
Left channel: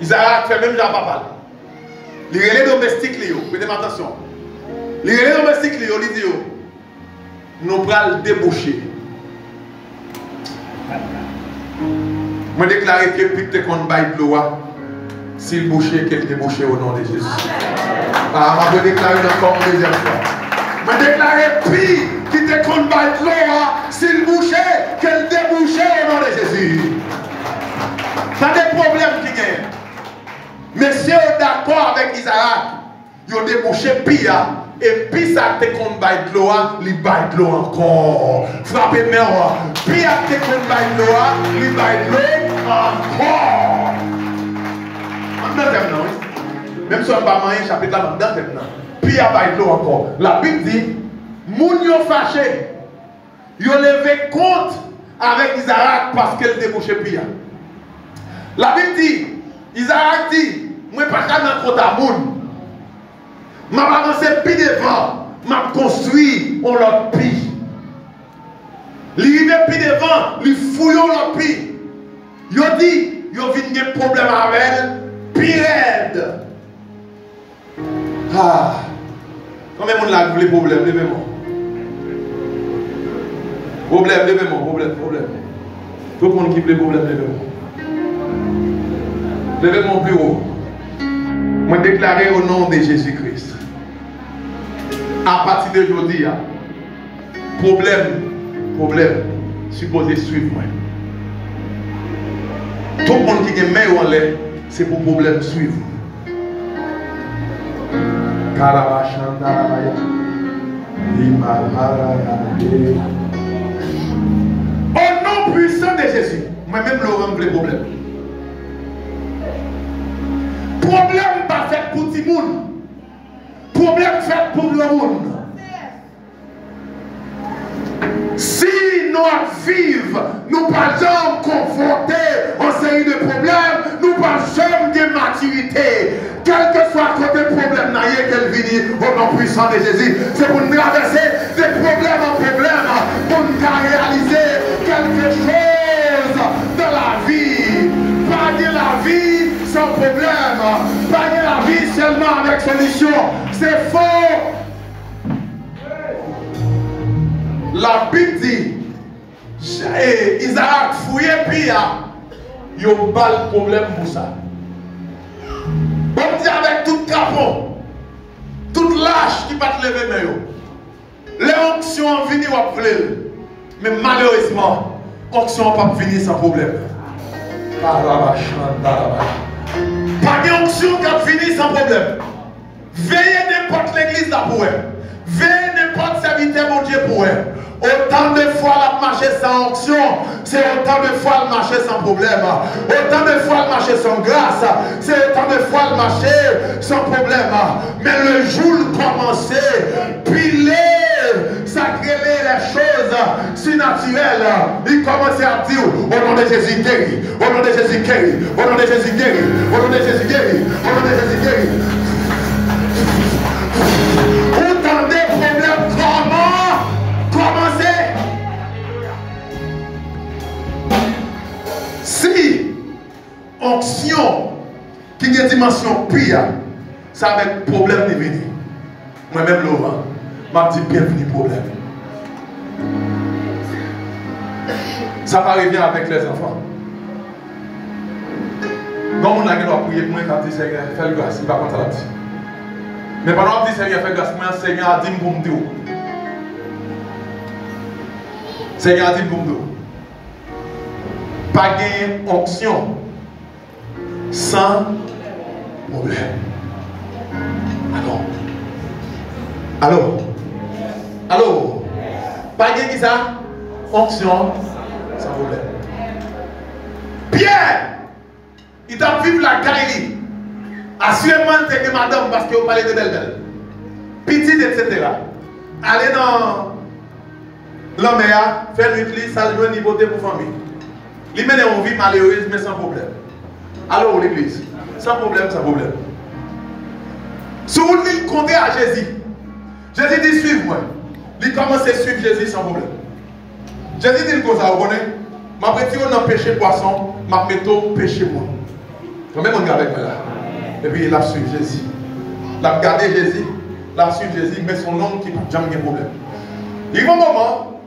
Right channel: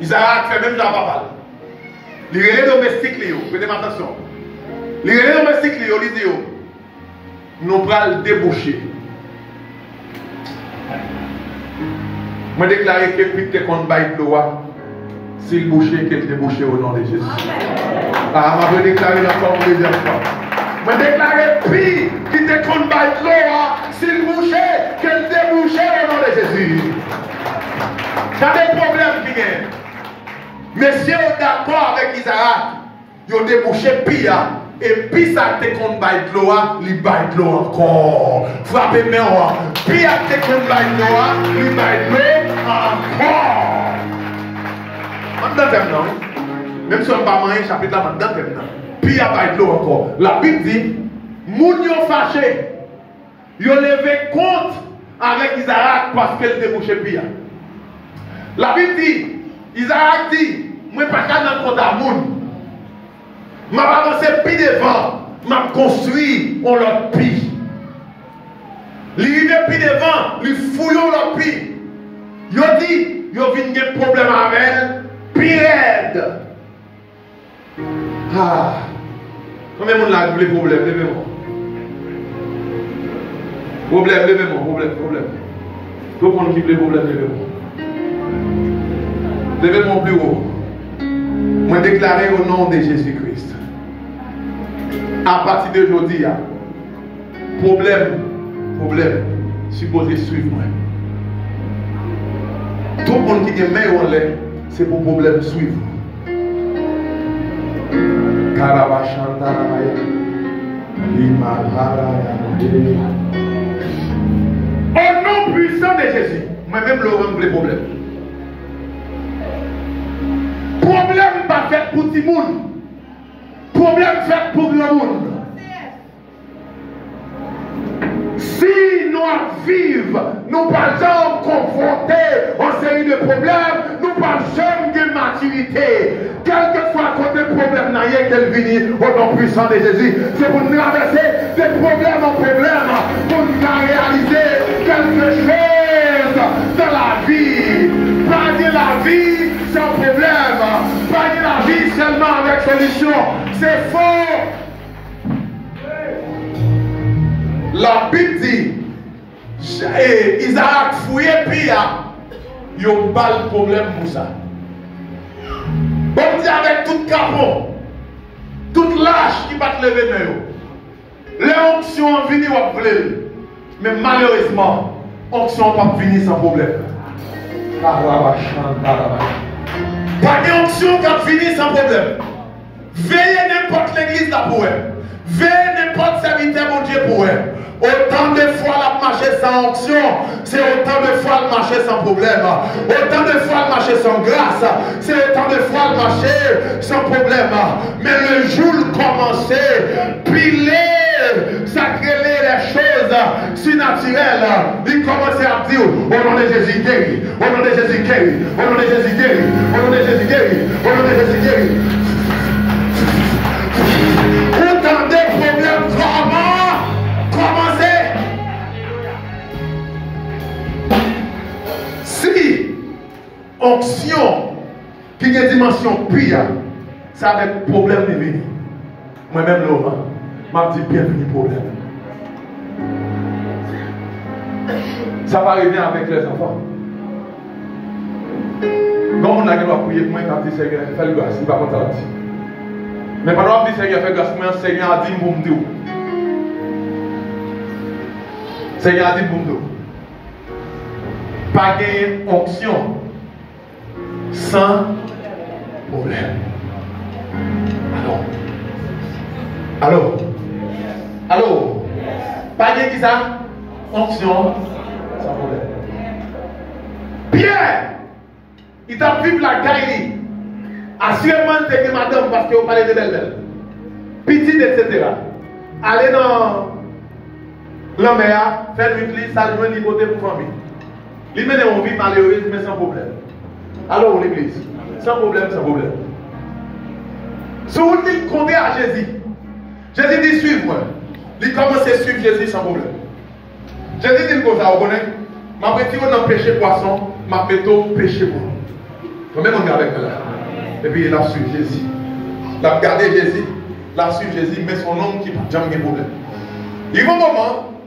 Isaac fait même la papa. Les relais domestiques, faites attention. Les relais domestiques, ils disent, nous prenons le déboucher. Je déclare que puis te compte bail de loi, s'il boucher, qu'elle débouche au nom de Jésus. Ah, je déclare encore une deuxième fois. Je déclare puis qui te compte bail de loi, s'il boucher, qu'elle débouche au nom de Jésus. Ça a des problèmes qui gagnent. Messieurs, d'accord avec Isaac, ils ont débouché Pia. Et puis ça te compte bail de loi, il bail de l'eau encore. Frappez mes rois. Puis te compte bail de loi, il bail de l'eau encore. Même si on ne va pas manger, chapitre là, dans le puis bail de l'eau encore. La Bible dit, moun yo fâché, yo levé compte avec Isaac parce qu'elle débouché Pia. La Bible dit, Isaac dit, moi pas qu'à dans compte à moun. Je vais avancer plus devant, je vais construire on l'autre pi. L'idée plus devant, lui fouillons l'autre pi. Yo dit, yo vient des problèmes avec elle, puis aide. Ah, combien de monde a les problèmes? Levez-moi. Problème, levez-moi, problème. Tout le monde qui a les problèmes, levez-moi. Levez mon bureau. Moi déclarer au nom de Jésus-Christ. À partir d'aujourd'hui, problème, supposé suivre moi. Tout le monde qui est main en l'air, c'est pour problème suivre. Au nom puissant de Jésus, moi-même le rendre les problèmes. Problème pas fait pour tout le monde. Problème fait pour le monde. Si nous vivons, nous pas jamais confrontés aux séries de problèmes, nous pas jamais de maturité. Quel que soit le problème, qu'elle vienne au nom puissant de Jésus, c'est pour nous traverser de problème en problème, pour nous réaliser quelque chose de la vie. Pas de la vie sans problème, pas de la vie seulement avec solution. C'est faux. La Bible dit, Isaac fouillé Pia, il y a un problème pour ça. Bon Dieu avec tout capot, toute lâche qui va te lever dans eux. Les onctions viennent ou vle, mais malheureusement, onction ne pas venir sans problème. Pas d'onction qui va venir sans problème. Veillez n'importe l'église là pour elle. Veillez n'importe serviteur mon Dieu pour elle. Autant de fois la marcher sans onction, c'est autant de fois le marcher sans problème. Autant de fois le marcher sans grâce, c'est autant de fois le marcher sans problème. Mais le jour commençait, piler, sacrer les choses si naturelles, il commençait à dire au nom de Jésus guéri, au nom de Jésus guéri, au nom de Jésus guéri, au nom de Jésus guéri, au nom de Jésus guéri. Autant de problèmes comment commencer onction qui a une dimension pire, ça avec problème de venir. Moi-même, Laurent, m'a dit bienvenue problème. Ça va arriver avec les enfants. Quand on a prié pour moi, quand dit Seigneur, fais le grâce, il va contre la vie. Mais pendant que dit Seigneur, fais le grâce, moi, Seigneur a dit pour me dire. Seigneur a dit pour me dire. Pas gagner onction sans problème. Alors, pas gagner qui ça? Onction sans problème. Pierre, il t'a vécu la gaille. Assurément, c'est que madame, parce que vous parlez de belle. Petite, etc. Allez dans l'homme, faire l'utilise, saluer, niveauté pour famille. Il mène une vie malheureuse, mais sans problème. Alors, l'église, sans problème. Si vous voulez compter à Jésus, Jésus dit suivez-moi. Il commence à suivre Jésus sans problème. Jésus dit que ça, vous connaissez? Je vais retirer dans le péché poisson, je vais mettre péché moi. Combien on regarde avec moi là? Et puis il a suivi Jésus. Il a regardé Jésus, il a suivi Jésus, mais son nom qui n'a jamais de problème. Il y a un moment,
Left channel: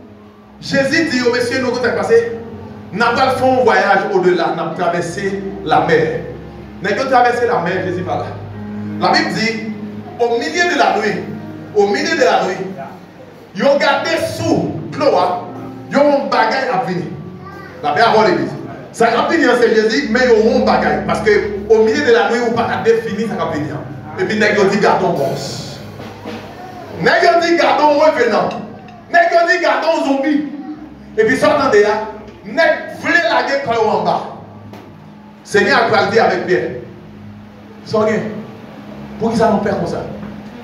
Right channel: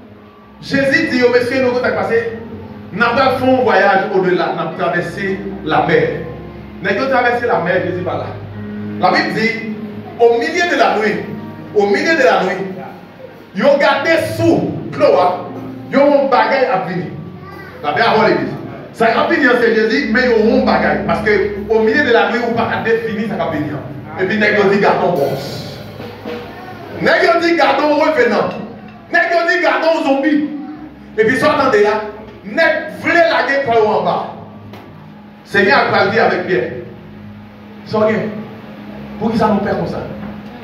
Jésus dit au monsieur, nous avons passé, nous avons fait un voyage au-delà, nous avons traversé la mer. Nous avons traversé la mer, Jésus va là. La Bible dit, au milieu de la nuit, ils ont gardé sous Cloa, ils ont un bagage à venir. La paix à l'église. Ça va venir, c'est Jésus, mais ils ont un bagage. Parce qu'au milieu de la nuit, on ne peut pas définir ça va venir. Et puis, nous dit gardons bronze. Nous dit gardons revenant. Nous dit gardons zombie. Et puis, ça, attendez là, nous voulons la guerre quand en bas. Seigneur a parlé avec Pierre. Soyez. Pour qui ça nous perd comme ça?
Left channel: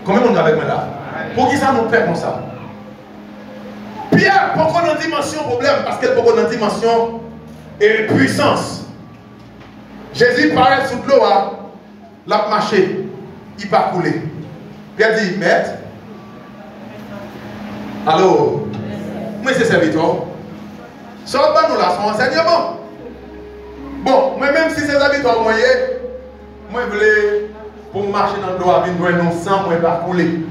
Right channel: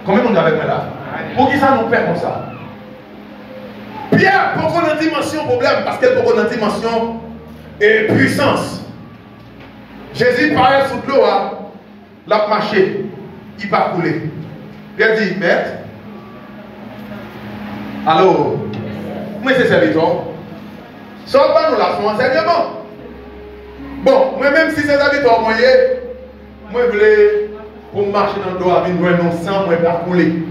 Combien on a avec moi là? Pour qui ça nous perd comme ça? Pierre, pourquoi on a une dimension problème? Parce qu'elle pourquoi on a une dimension et puissance. Jésus paraît sous l'eau, l'a marché, il va couler. Pierre dit, maître, alors, moi c'est serviteur. Sors pas nous là, son enseignement. Bon, moi-même si c'est serviteur, moi je voulais, pour marcher dans l'eau, avec nous sang, moi je vais couler.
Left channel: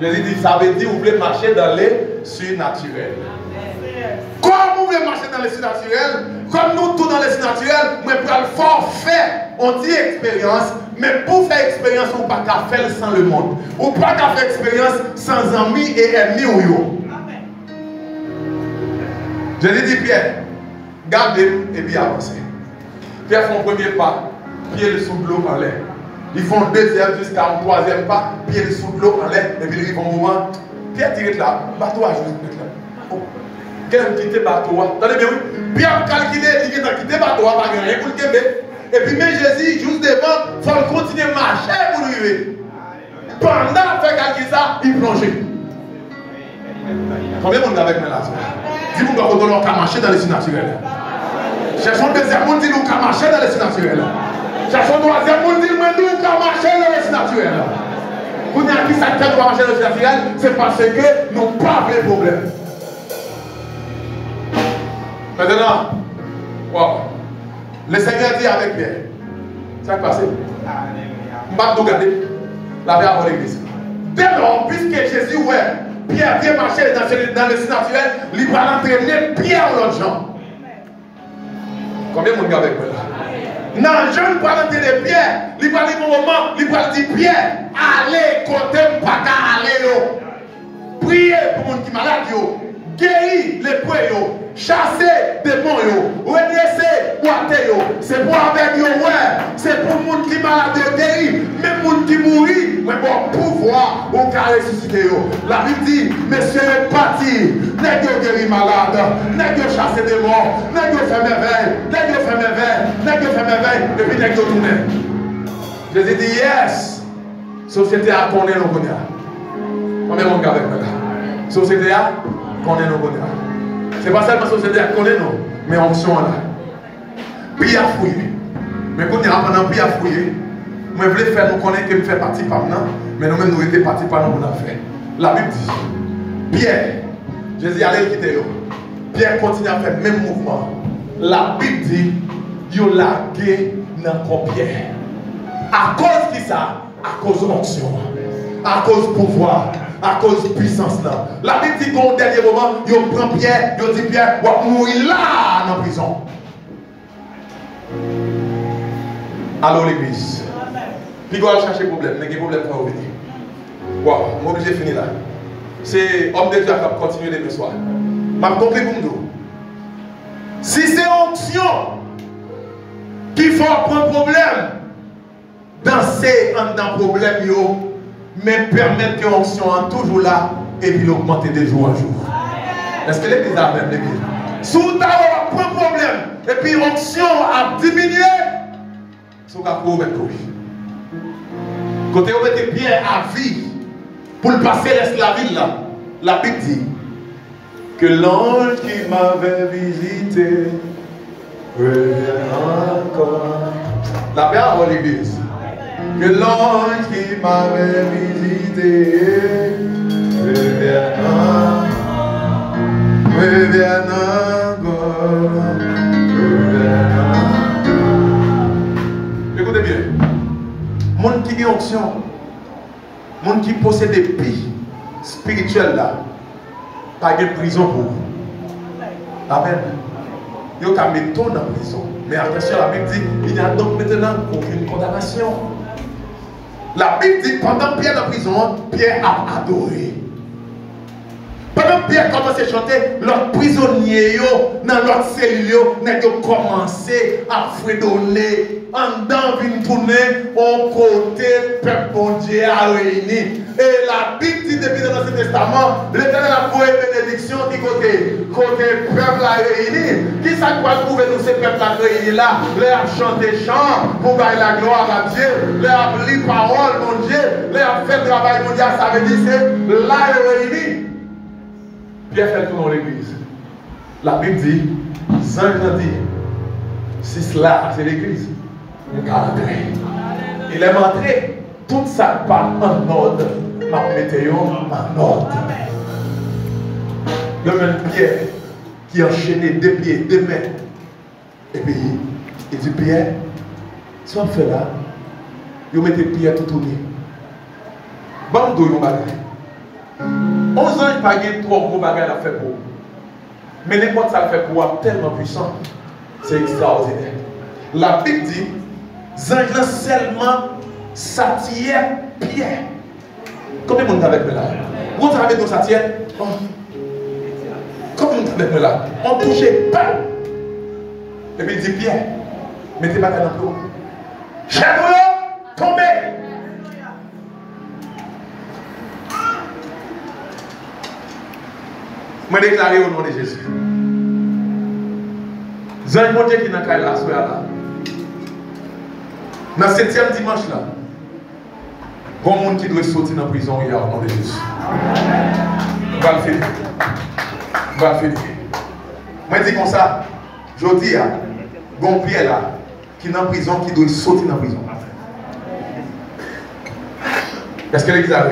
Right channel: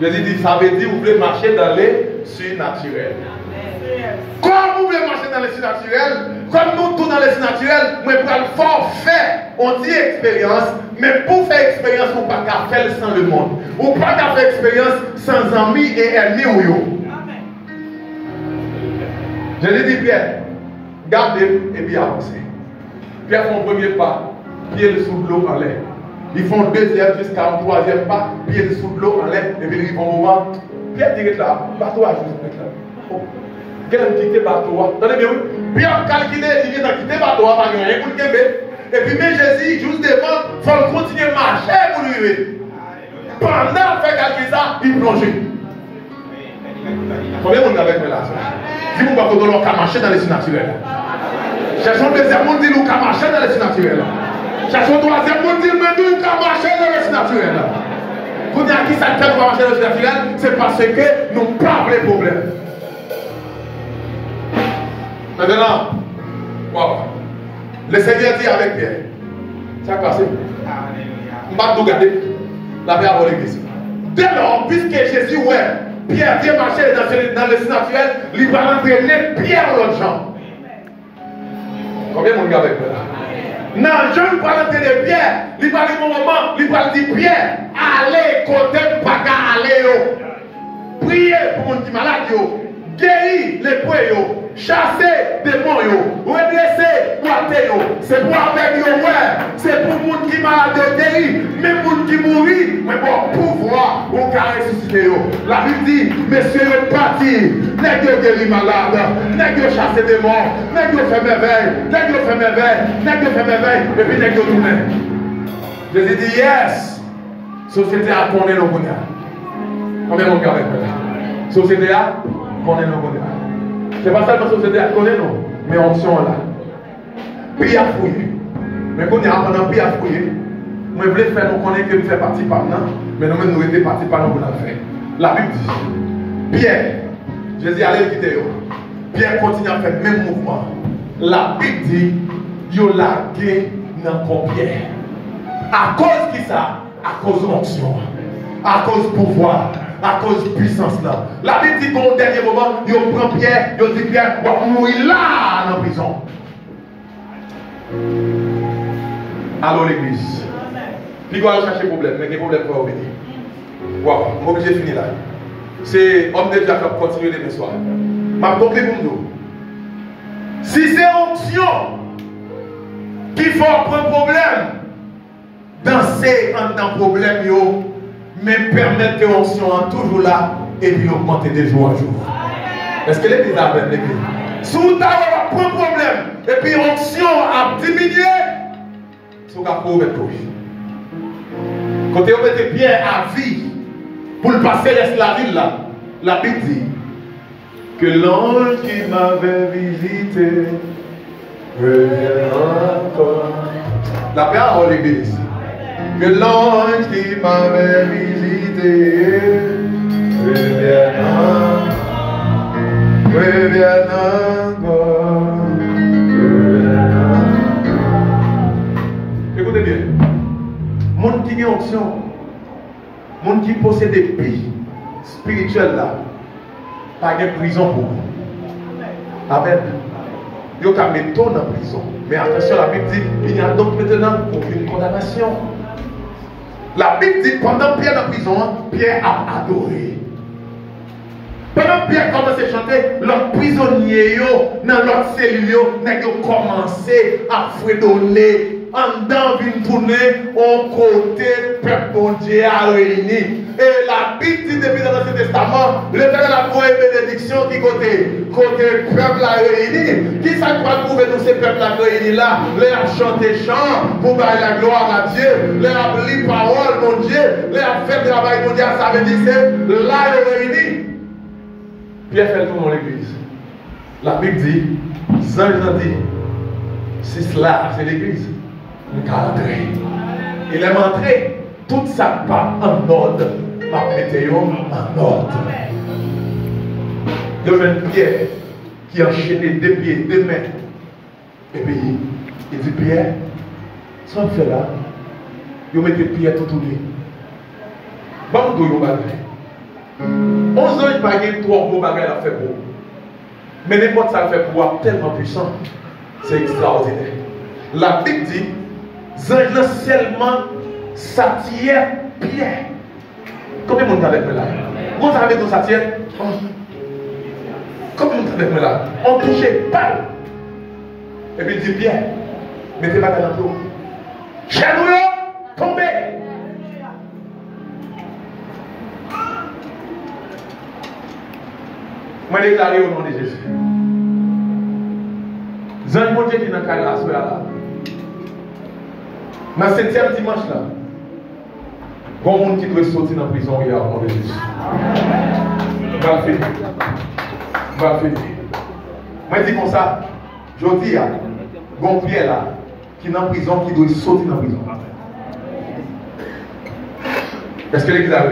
Jésus dit, ça veut dire, vous voulez marcher dans les surnaturels. Comme vous voulez marcher dans les surnaturels, comme nous tous dans les surnaturels, moi je vais le forfait, on dit expérience, mais pour faire expérience, on ne peut pas faire sans le monde. On ne peut pas faire expérience sans amis et ennemis. Jésus dit, Pierre, gardez et puis avancez. Pierre fait un premier pas, pied sous l'eau en l'air. Ils font un deuxième jusqu'à un troisième pas, pied sous l'eau en l'air, et puis ils vont au moment. Pierre direct là, bateau à juste là. Oh, quelqu'un quitte bateau. Attendez bien, oui. Pierre calculé, il vient de quitter bateau, pas rien pour le Québec. Et puis, mais Jésus, juste devant, il faut continuer à marcher pour lui arriver. Pendant qu'il fait calculer ça, il plonge. Combien de monde avec moi là? Dis-moi qu'on doit marcher dans les surnaturels. Cherchons le deuxième monde, dis-nous qu'on marcher dans les surnaturels. Cherchons le troisième monde, dis-nous qu'on marcher dans les surnaturels. Vous dites à qui ça fait pour marcher dans les surnaturels? C'est parce que nous n'avons pas de problème. Maintenant, wow. Le Seigneur dit avec Pierre, ça a passé. Je ne vais pas tout garder. La paix avant l'église. Dès lors, puisque Jésus, ouais, Pierre vient marcher dans le surnaturel, il va entraîner Pierre l'autre gens. Combien de monde avec moi là? Non, je ne vais pas entraîner Pierre. Il va dire mon moment, il va dire Pierre, allez, côté, pas qu'à aller. Priez pour mon qui malade, guérir les poids, chasser des démons, redresser les athées. C'est pour avec eux, c'est pour les gens qui malades guérir, même les gens qui mourir, mais pour pouvoir ou ressusciter. La Bible dit, messieurs les partis, n'est-ce guérir malade, n'est-ce chasser des démons, n'est-ce faire merveille, n'est-ce faire merveille, n'est-ce faire merveille, et puis n'est-ce tourner. Jésus dit, yes, société a tourné nos cognacs. Combien de monde avec moi là? Société a connaît nos cognacs. Ce n'est pas seulement la société à connaître, non, mais on sont là. Puis à fouiller. Mais quand on a pendant puis à fouiller, moi je voulais faire nous connaître que nous faisons partie par nous, mais nous-mêmes nous étions partie par nous pour nous faire. La Bible dit, Pierre, Jésus allait quitter eux. Pierre continue à faire le même mouvement. La Bible dit, il a lagué dans Pierre. À cause de ça, à cause de l'onction, à cause du pouvoir, à cause de puissance là. La Bible dit qu'au dernier moment, il prend Pierre, il dit Pierre, on va mourir là dans la prison. Alors l'église. Puis on va chercher problème, mais quel problème va venir. Wow, je suis obligé de finir là. C'est homme de Dieu qui va continuer demain soir. Je vais conclure pour nous. Si c'est onction qui fait un problème, danser dans le problème, mais permettre que l'onction soit toujours là et puis l'augmenter de jour en jour. Est-ce que l'église a même l'église? Si vous avez un problème et puis l'onction a diminué, vous avez un problème. Quand vous mettez bien à vie pour le passer la ville là, la Bible dit que l'ange qui m'avait visité revient encore. La parole de l'église. Que l'ange qui m'avait visité revient encore. Écoutez bien. Monde qui a onction, monde qui possède des pays spirituels là, pas de prison pour vous. Amen. Il y a des méthodes dans la prison. Mais attention, la Bible dit il n'y a donc maintenant aucune condamnation. La Bible dit pendant Pierre dans la prison, Pierre a adoré. Pendant Pierre commence à chanter, l'autre prisonnier, dans l'autre cellule, n'a commencé à fredonner. En dedans, vient tourner au côté peuple bon Dieu a réuni. Et la Bible dit depuis l'Ancien Testament, l'Éternel a trouvé bénédiction qui côté peuple a réuni. Qui ça doit trouver nous ces peuples réunis là? Les a chanté chant pour bailler la gloire à Dieu. Les a lu parole mon Dieu. Les a fait le travail mondial. Ça veut dire c'est là réuni. Pierre fait le tour dans l'église. La Bible dit, Saint Jean dit, si cela c'est l'église. Il est montré tout ça pas en ordre. Ma météo en ordre. Il y a une Pierre qui a enchaîné deux pieds, deux mains. Et puis il dit Pierre, si on fait là, il met Pierre tout tourné. Bon, il y a 11 ans, pas gagné 3 gros bagages à faire pour. Mais n'importe ça fait pour tellement puissant. C'est extraordinaire. La Bible dit Zangla seulement s'attire Pierre. Combien de monde avec moi là? Vous avez avec nous s'attire? Combien de monde avec moi là? On touchait pas. Et puis il dit Pierre, mettez pas dans l'eau. Genou, tombez. Moi déclaré au nom de Jésus. Zang mon Dieu qui n'a qu'à la soirée là. Dans le 7e dimanche là, il y a un monde qui doit sortir dans la prison hier au nom de Jésus. On va le finir. On va le finir. Moi je dis comme ça, je dis, il y a un Pierre là, qui est dans la prison, qui doit sortir dans la prison. Est-ce que l'église a